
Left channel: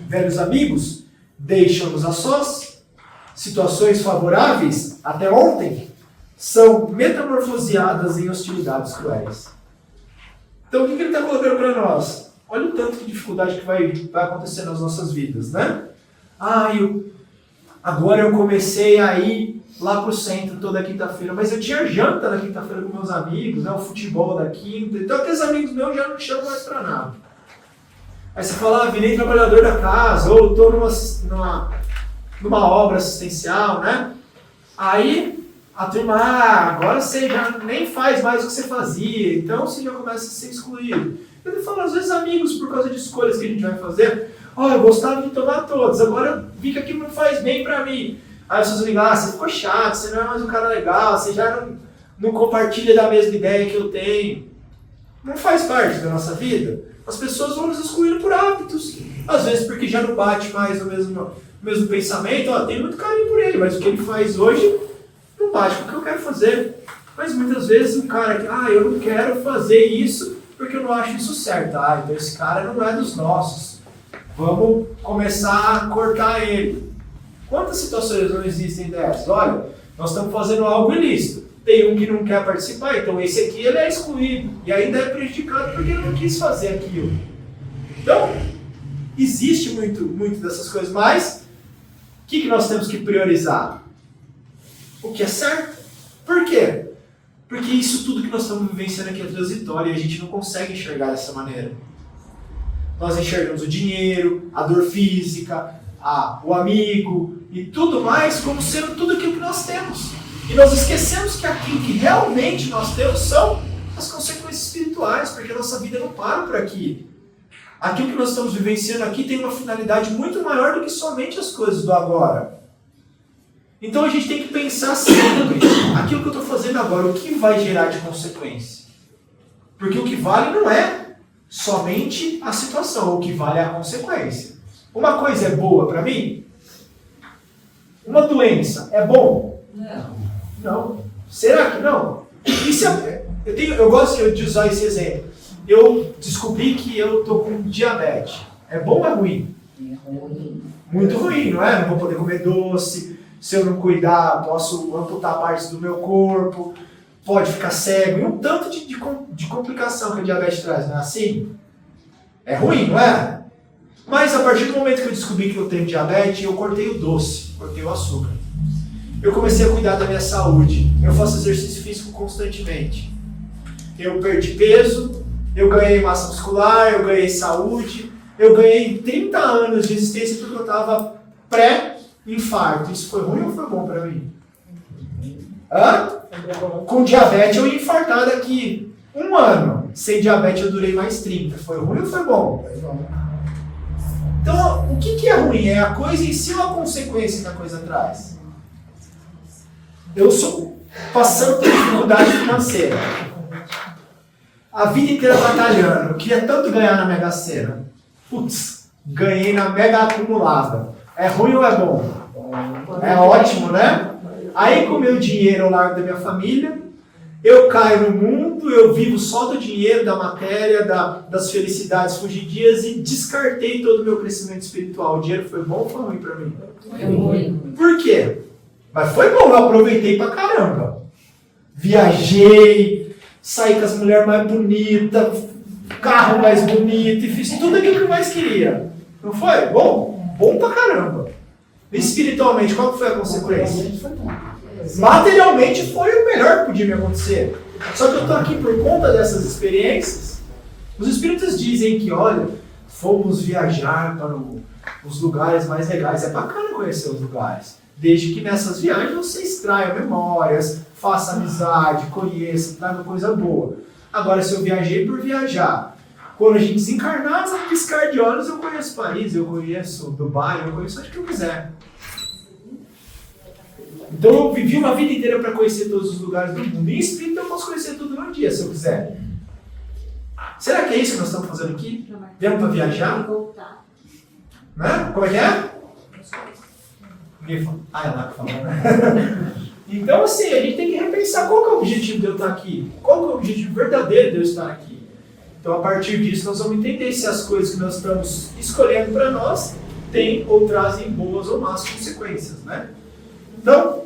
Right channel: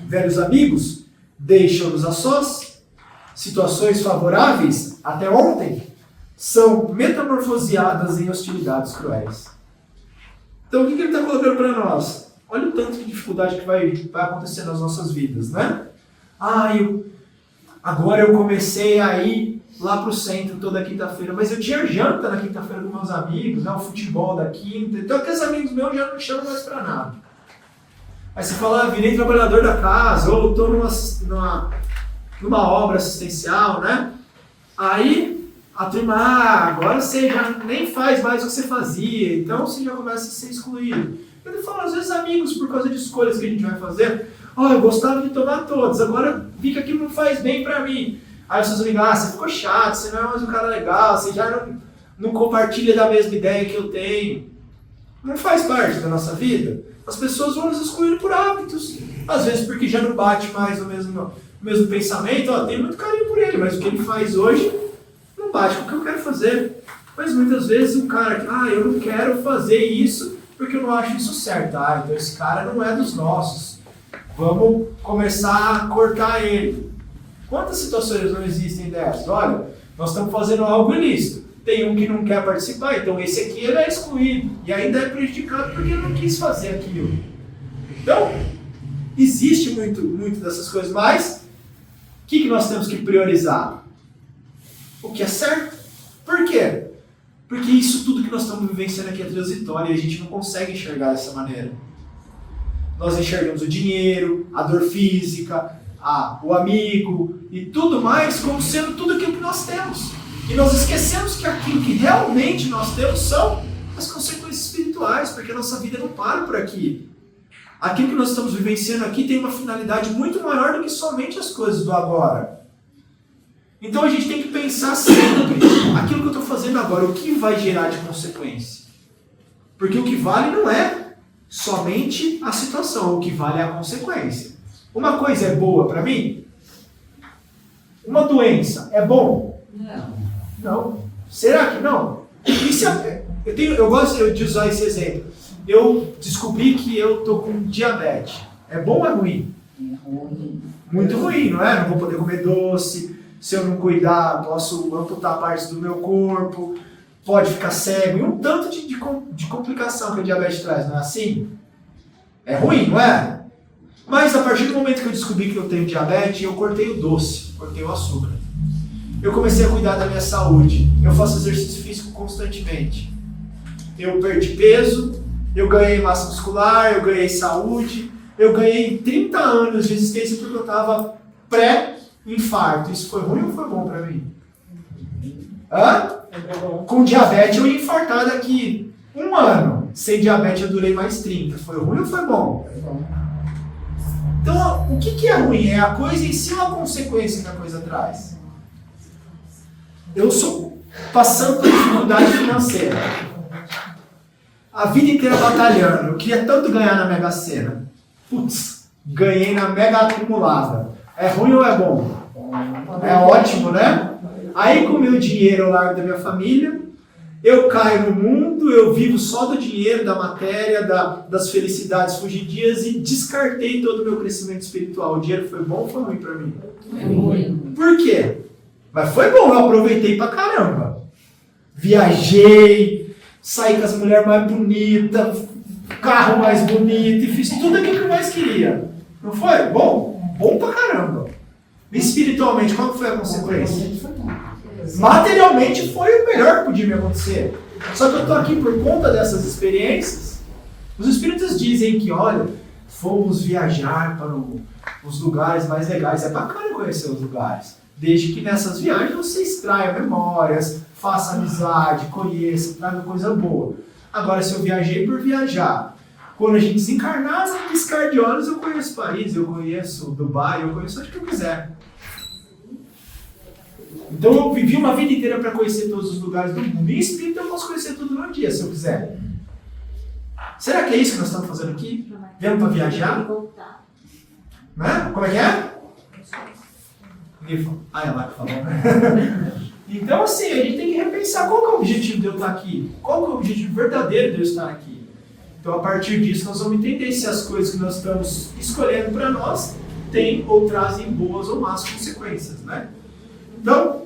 Velhos amigos deixam-nos a sós. Situações favoráveis até ontem são metamorfoseadas em hostilidades cruéis. Então, o que ele está colocando para nós? Olha o tanto de dificuldade que vai acontecer nas nossas vidas, né? Agora eu comecei a ir lá para o centro toda quinta-feira, mas eu tinha janta na quinta-feira com meus amigos, né? O futebol da quinta, então aqueles amigos meus já não me chamam mais para nada. Aí você fala, virei trabalhador da casa, ou estou numa obra assistencial, né? Aí a turma, agora você já nem faz mais o que você fazia, então você já começa a ser excluído. Eu falo, às vezes, amigos, por causa de escolhas que a gente vai fazer, eu gostava de tomar todos, agora vi que aquilo não faz bem pra mim. Aí as pessoas ligam, você ficou chato, você não é mais um cara legal, você já não compartilha da mesma ideia que eu tenho, não faz parte da nossa vida. As pessoas vão nos excluindo por hábitos. Às vezes porque já não bate mais o mesmo pensamento. Ó, tenho muito carinho por ele, mas o que ele faz hoje não bate com o que eu quero fazer. Mas muitas vezes o cara que, eu não quero fazer isso porque eu não acho isso certo. Então esse cara não é dos nossos. Vamos começar a cortar ele. Quantas situações não existem dessas? Olha, nós estamos fazendo algo ilícito. Tem um que não quer participar, então esse aqui ele é excluído. E ainda é prejudicado porque ele não quis fazer aquilo. Então, existe muito dessas coisas, mas o que nós temos que priorizar? O que é certo? Por quê? Porque isso tudo que nós estamos vivenciando aqui é transitório e a gente não consegue enxergar dessa maneira. Nós enxergamos o dinheiro, a dor física, o amigo e tudo mais como sendo tudo aquilo que nós temos. E nós esquecemos que aquilo que realmente nós temos são as consequências espirituais, porque a nossa vida não para por aqui. Aquilo que nós estamos vivenciando aqui tem uma finalidade muito maior do que somente as coisas do agora. Então a gente tem que pensar sempre, aquilo que eu estou fazendo agora, o que vai gerar de consequência? Porque o que vale não é somente a situação, o que vale é a consequência. Uma coisa é boa para mim? Uma doença é bom? Não. Será que não? Eu gosto de usar esse exemplo. Eu descobri que eu estou com diabetes. É bom ou é ruim? É ruim. Muito ruim, não é? Não vou poder comer doce. Se eu não cuidar, posso amputar partes do meu corpo. Pode ficar cego. E um tanto de complicação que a diabetes traz, não é assim? É ruim, não é? Mas a partir do momento que eu descobri que eu tenho diabetes, eu cortei o doce, cortei o açúcar. Eu comecei a cuidar da minha saúde. Eu faço exercício físico constantemente. Eu perdi peso, eu ganhei massa muscular, eu ganhei saúde, eu ganhei 30 anos de existência porque eu estava pré-infarto. Isso foi ruim ou foi bom para mim? Com diabetes eu ia infartar daqui 1 ano. Sem diabetes eu durei mais 30. Foi ruim ou foi bom? Então, o que é ruim? É a coisa em si ou a consequência que a coisa traz? Eu estou passando por dificuldade financeira. A vida inteira batalhando. Eu queria tanto ganhar na Mega Sena. Putz, ganhei na Mega Acumulada. É ruim ou é bom? É ótimo, né? Aí com o meu dinheiro eu largo da minha família, eu caio no mundo, eu vivo só do dinheiro, da matéria, das felicidades fugidias e descartei todo o meu crescimento espiritual. O dinheiro foi bom ou foi ruim para mim? É ruim. Por quê? Mas foi bom, eu aproveitei pra caramba. Viajei, saí com as mulheres mais bonitas, carro mais bonito e fiz tudo aquilo que eu mais queria. Não foi? Bom? Bom pra caramba. Espiritualmente, qual foi a consequência? Materialmente foi o melhor que podia me acontecer. Só que eu estou aqui por conta dessas experiências. Os espíritos dizem que, olha, fomos viajar para os lugares mais legais. É bacana conhecer os lugares. Desde que nessas viagens você extraia memórias, faça amizade, conheça, traga coisa boa. Agora, se eu viajei por viajar, quando a gente desencarnar, no piscar de olhos, eu conheço Paris, eu conheço Dubai, eu conheço onde que eu quiser. Então eu vivi uma vida inteira para conhecer todos os lugares do mundo. E em espírito eu posso conhecer tudo num dia, se eu quiser. Será que é isso que nós estamos fazendo aqui? Viemos para viajar? Né? Como é que é? É lá que falou, né? Então, assim, a gente tem que repensar qual que é o objetivo de eu estar aqui. Qual que é o objetivo verdadeiro de eu estar aqui. Então, a partir disso, nós vamos entender se as coisas que nós estamos escolhendo para nós têm ou trazem boas ou más consequências, né? Então,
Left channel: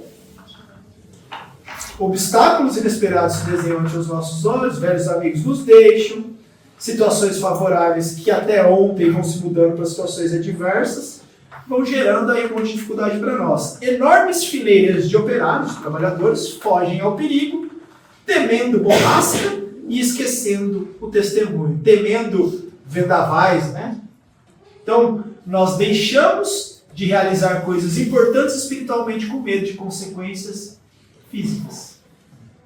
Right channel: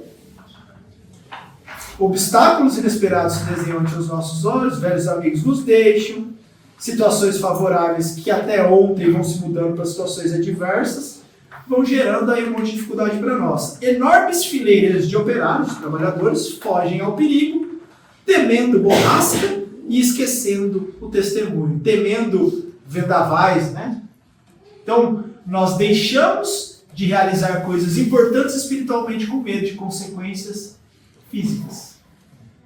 obstáculos inesperados se desenham ante os nossos olhos, velhos amigos nos deixam, situações favoráveis que até ontem vão se mudando para situações adversas, vão gerando aí um monte de dificuldade para nós. Enormes fileiras de operários, de trabalhadores, fogem ao perigo, temendo borrasca e esquecendo o testemunho, temendo vendavais, né? Então, nós deixamos de realizar coisas importantes espiritualmente com medo de consequências físicas.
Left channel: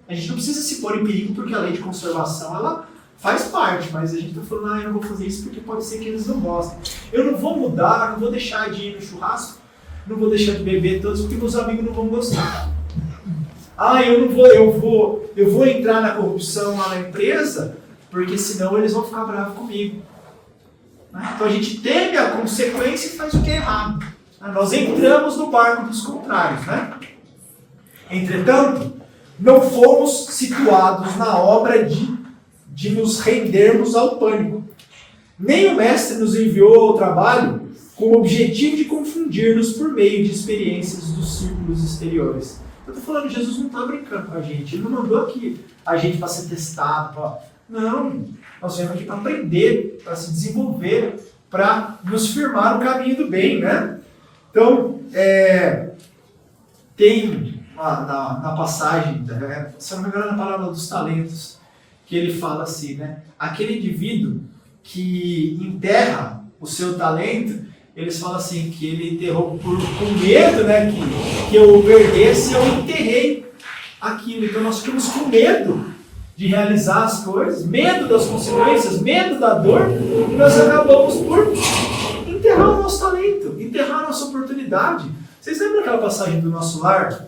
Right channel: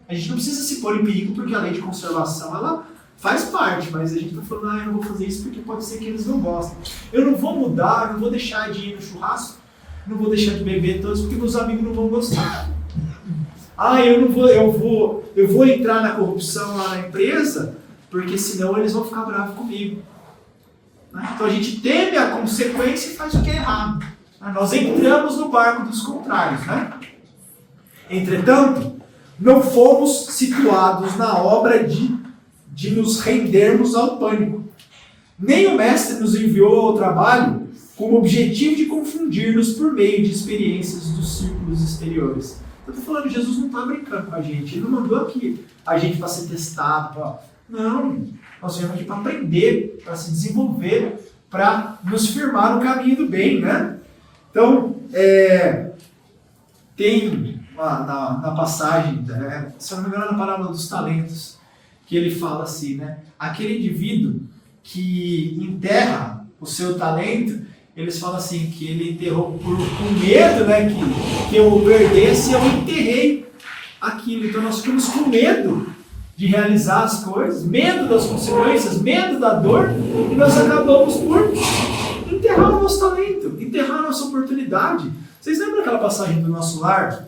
A gente não precisa se pôr em perigo porque a lei de conservação ela faz parte, mas a gente está falando, eu não vou fazer isso porque pode ser que eles não gostem. Eu não vou mudar, não vou deixar de ir no churrasco, não vou deixar de beber todos porque meus amigos não vão gostar. eu vou entrar na corrupção lá na empresa, porque senão eles vão ficar bravos comigo. Então a gente teme a consequência e faz o que é errado. Nós entramos no barco dos contrários. Entretanto, não fomos situados na obra de nos rendermos ao pânico. Nem o mestre nos enviou ao trabalho com o objetivo de confundir-nos por meio de experiências dos círculos exteriores. Eu estou falando, Jesus não está brincando com a gente. Ele não mandou aqui a gente para ser testado. Não, nós viemos aqui para aprender, para se desenvolver, para nos firmar no caminho do bem, né? Então, tem na passagem, se eu não me engano, na parábola dos talentos, que ele fala assim, né? Aquele indivíduo que enterra o seu talento, eles falam assim, que ele enterrou com medo, né? Que eu o perdesse, eu enterrei aquilo. Então nós ficamos com medo de realizar as coisas, medo das consequências, medo da dor, e nós acabamos por enterrar o nosso talento, enterrar a nossa oportunidade. Vocês lembram aquela passagem do Nosso Lar?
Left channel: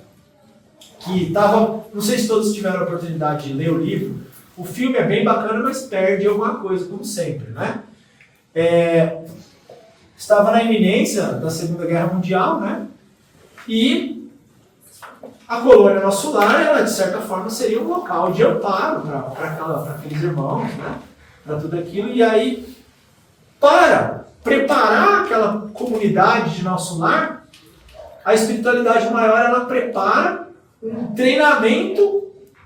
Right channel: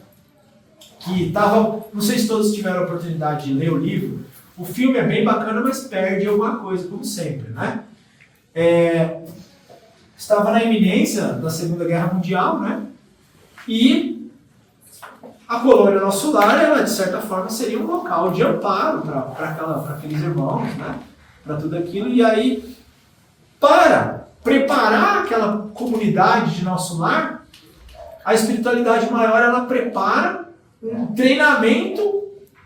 Que estava, não sei se todos tiveram a oportunidade de ler o livro. O filme é bem bacana, mas perde alguma coisa, como sempre, né? Estava na iminência da Segunda Guerra Mundial, né? E a colônia Nosso Lar, ela de certa forma seria um local de amparo para aqueles irmãos, né? Para tudo aquilo. E aí, para preparar aquela comunidade de Nosso Lar, a espiritualidade maior, ela prepara um treinamento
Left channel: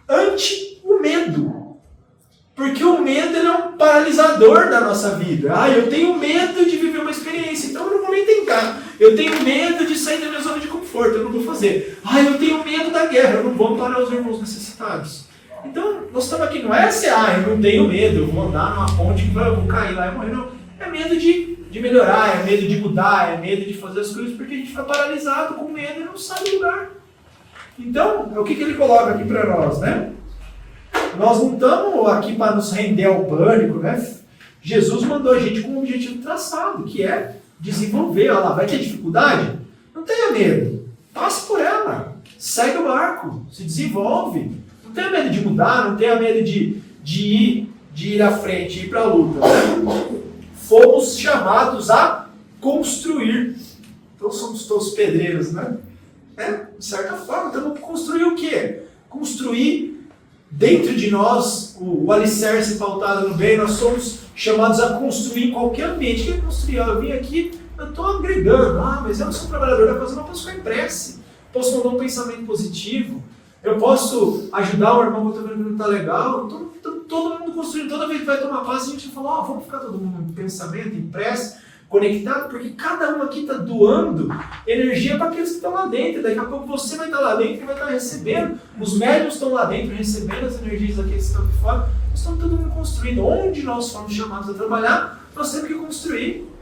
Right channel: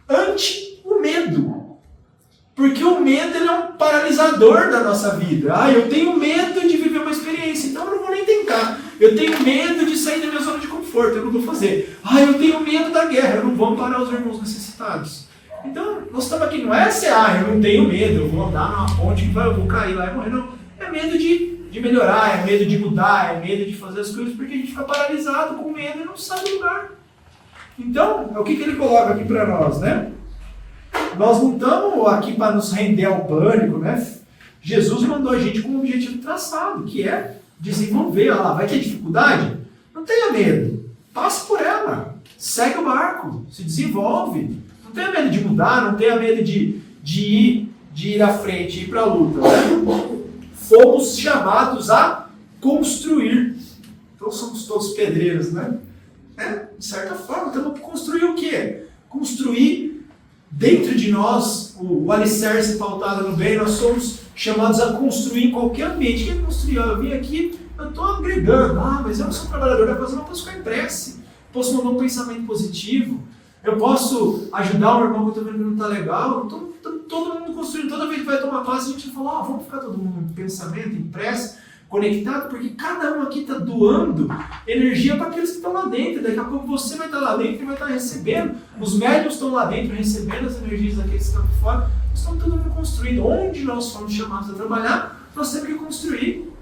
ante o medo. Porque o medo, ele é um paralisador da nossa vida. Eu tenho medo de viver uma experiência, então eu não vou nem tentar. Eu tenho medo de sair da minha zona de conforto, eu não vou fazer. Eu tenho medo da guerra, eu não vou amparar os irmãos necessitados. Então, nós estamos aqui, não é eu não tenho medo, eu vou andar numa ponte que eu vou cair lá e morrer, não. É medo de melhorar, é medo de mudar, é medo de fazer as coisas, porque a gente fica paralisado com medo e não sai do lugar. Então, o que ele coloca aqui para nós, né? Nós não estamos aqui para nos render ao pânico, né? Jesus mandou a gente com um objetivo traçado, que é desenvolver. Olha lá, vai ter dificuldade? Não tenha medo. Passe por ela. Segue o barco. Se desenvolve. Não tenha medo de mudar, não tenha medo de ir à frente, ir para a luta. Né? Fomos chamados a construir. Então somos todos pedreiros, né? De certa forma, temos que construir o quê? Construir dentro de nós o alicerce pautado no bem. Nós somos chamados a construir em qualquer ambiente. O que é construir? Eu vim aqui, eu estou agregando. Mas eu não sou trabalhador da coisa, eu não posso ficar em prece. Posso mandar um pensamento positivo. Eu posso ajudar o irmão que eu estou vendo que não está legal. Todo mundo construindo. Toda vez que vai tomar passe, a gente fala, vamos ficar todo mundo em pensamento, em prece, conectado, porque cada um aqui está doando energia para aqueles que estão lá dentro. Daqui a pouco você vai estar lá dentro e vai estar recebendo. Os médios estão lá dentro recebendo as energias daqueles que estão aqui fora. Nós estamos todo mundo construindo. Onde nós fomos chamados a trabalhar, nós temos que construir.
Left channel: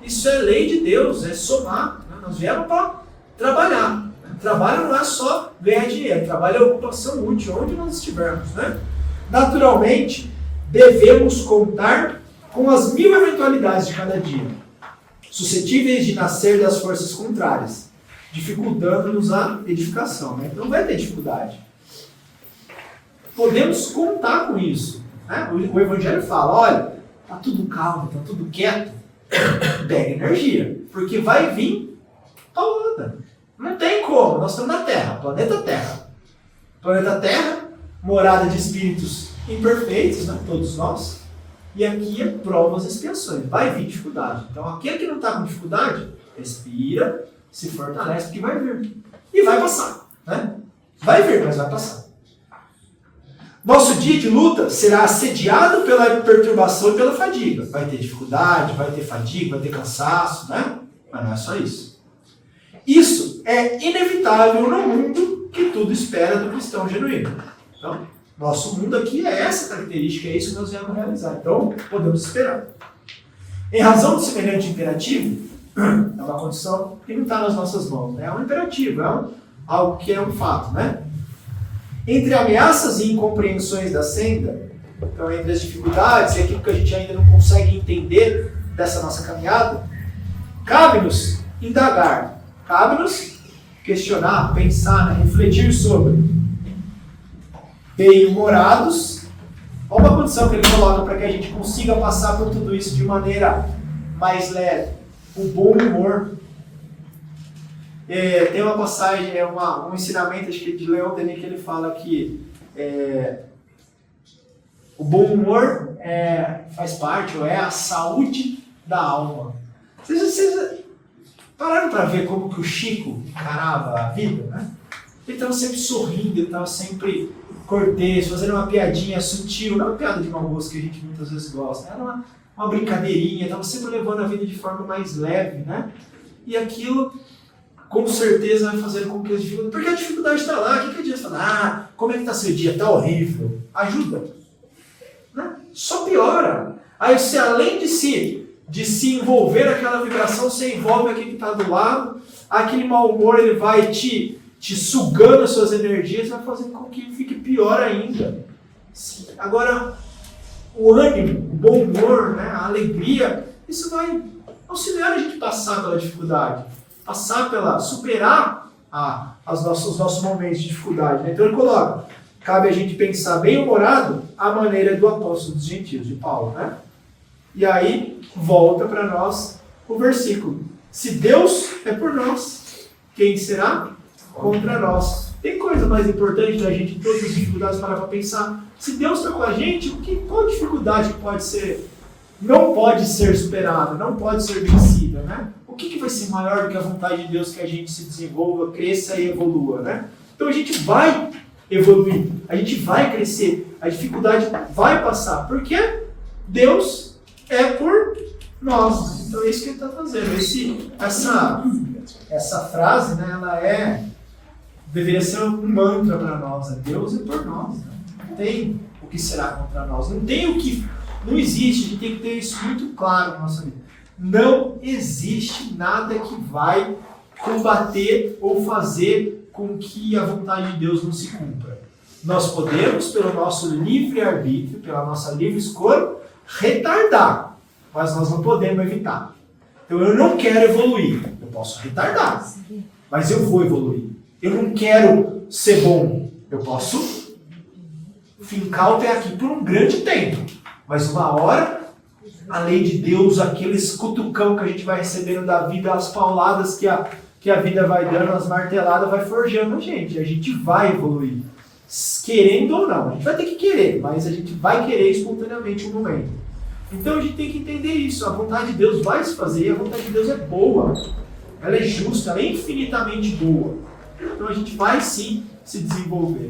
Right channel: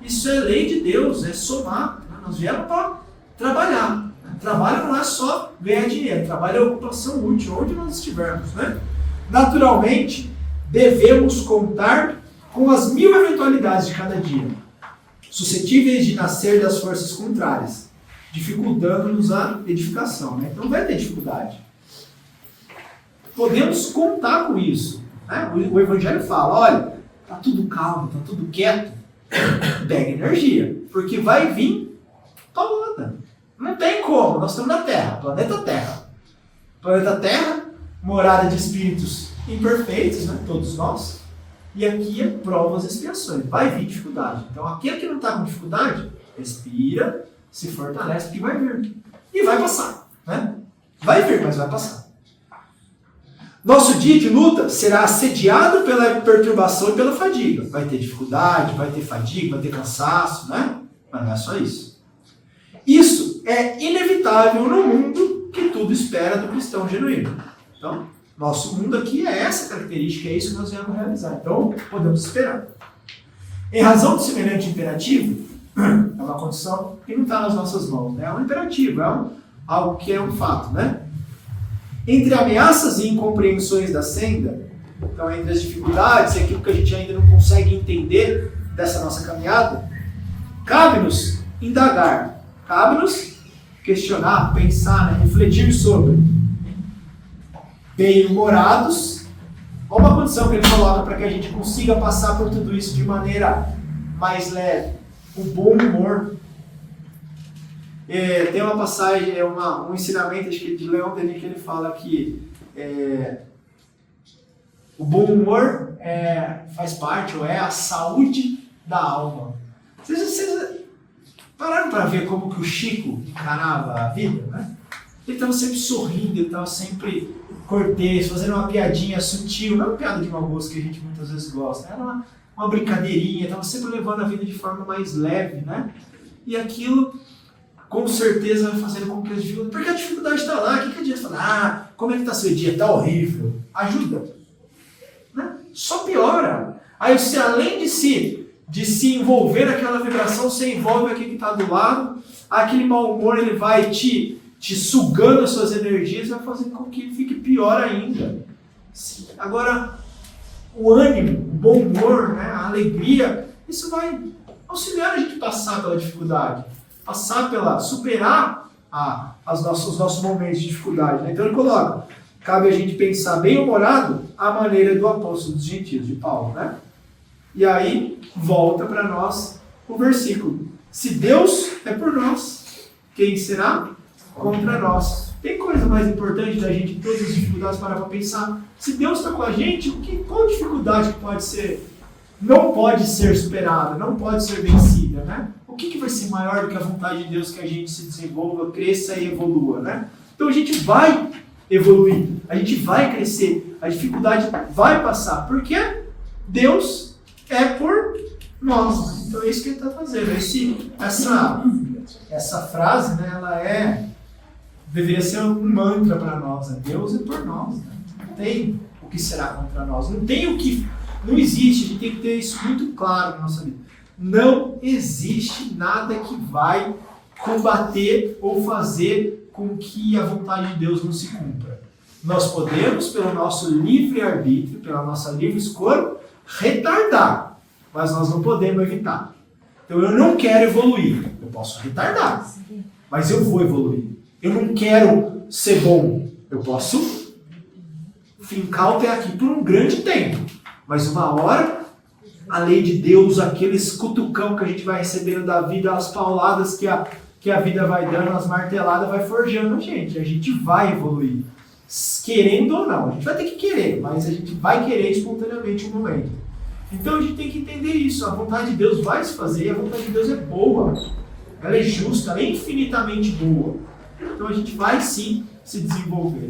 Isso é lei de Deus, é somar. Né? Nós viemos para trabalhar. Trabalho não é só ganhar dinheiro, trabalho é ocupação útil, onde nós estivermos. Né? Naturalmente, devemos contar com as 1000 eventualidades de cada dia, suscetíveis de nascer das forças contrárias, dificultando-nos a edificação. Né? Então vai ter dificuldade. Podemos contar com isso. Né? O Evangelho fala, olha, está tudo calmo, está tudo quieto, pega energia, porque vai vir paulada. Não tem como, nós estamos na Terra, planeta Terra. Planeta Terra, morada de espíritos imperfeitos, né? Todos nós. E aqui é provas e expiações. Vai vir dificuldade. Então, aquele que não está com dificuldade, respira, se fortalece, porque vai vir. E vai passar. Né? Vai vir, mas vai passar. Nosso dia de luta será assediado pela perturbação e pela fadiga. Vai ter dificuldade, vai ter fadiga, vai ter cansaço, né? Mas não é só isso. Isso é inevitável no mundo que tudo espera do cristão genuíno. Então, nosso mundo aqui é essa característica, é isso que nós viemos realizar. Então, podemos esperar. Em razão de semelhante imperativo, é uma condição que não está nas nossas mãos, né? É um imperativo, algo que é um fato, né? Entre ameaças e incompreensões da senda, então entre as dificuldades e aquilo que a gente ainda não consegue entender dessa nossa caminhada, cabe-nos indagar, cabe-nos questionar, pensar, né? Refletir sobre bem-humorados. Olha uma condição que ele coloca para que a gente consiga passar por tudo isso de maneira mais leve. O bom humor. Tem uma passagem, um ensinamento acho que de Leon Denis, que ele fala que o bom humor faz parte, ou é a saúde da alma. Vocês pararam para ver como que o Chico encarava a vida, né? Ele estava sempre sorrindo, ele estava sempre cortês, fazendo uma piadinha sutil, não uma piada de mau gosto que a gente muitas vezes gosta, era uma brincadeirinha, estava sempre levando a vida de forma mais leve, né? E aquilo, com certeza, vai fazendo com que as dificuldades... Porque a dificuldade está lá, o que adianta falar? Como é que está seu dia? Está horrível. Ajuda. Né? Só piora. Aí você, além de se envolver naquela vibração, você envolve aquele que está do lado, aquele mau humor ele vai te sugando as suas energias, vai fazendo com que fique pior ainda. Agora, o ânimo, o bom humor, né, a alegria, isso vai auxiliar a gente passar pela dificuldade, superar os nossos momentos de dificuldade. Né? Então ele coloca, cabe a gente pensar bem-humorado à maneira do apóstolo dos gentios, de Paulo. Né? E aí, volta para nós o versículo. Se Deus é por nós, quem será contra nós? Tem coisa mais importante da gente, em todas as dificuldades, parar para pensar. Se Deus está com a gente, qual dificuldade que não pode ser superada, não pode ser vencida, né? O que vai ser maior do que a vontade de Deus que a gente se desenvolva, cresça e evolua, né? Então a gente vai evoluir, a gente vai crescer, a dificuldade vai passar, porque Deus é por nós. Então é isso que ele está fazendo. Essa frase, né, ela deveria ser um mantra para nós. Né? Deus é por nós. Né? Não tem o que será contra nós. Não existe. A gente tem que ter isso muito claro na nossa vida. Não existe nada que vai combater ou fazer com que a vontade de Deus não se cumpra. Nós podemos, pelo nosso livre-arbítrio, pela nossa livre escolha, retardar, mas nós não podemos evitar. Então eu não quero evoluir, eu posso retardar, mas eu vou evoluir. Eu não quero ser bom, eu posso fincar o pé aqui por um grande tempo, mas uma hora a lei de Deus, aqueles cutucão que a gente vai recebendo da vida, as pauladas que a vida vai dando, as marteladas vai forjando a gente vai evoluir, querendo ou não, a gente vai ter que querer, mas a gente vai querer espontaneamente um momento. Então a gente tem que entender isso, a vontade de Deus vai se fazer, e a vontade de Deus é boa, ela é justa, ela é infinitamente boa. Então a gente vai sim se desenvolver.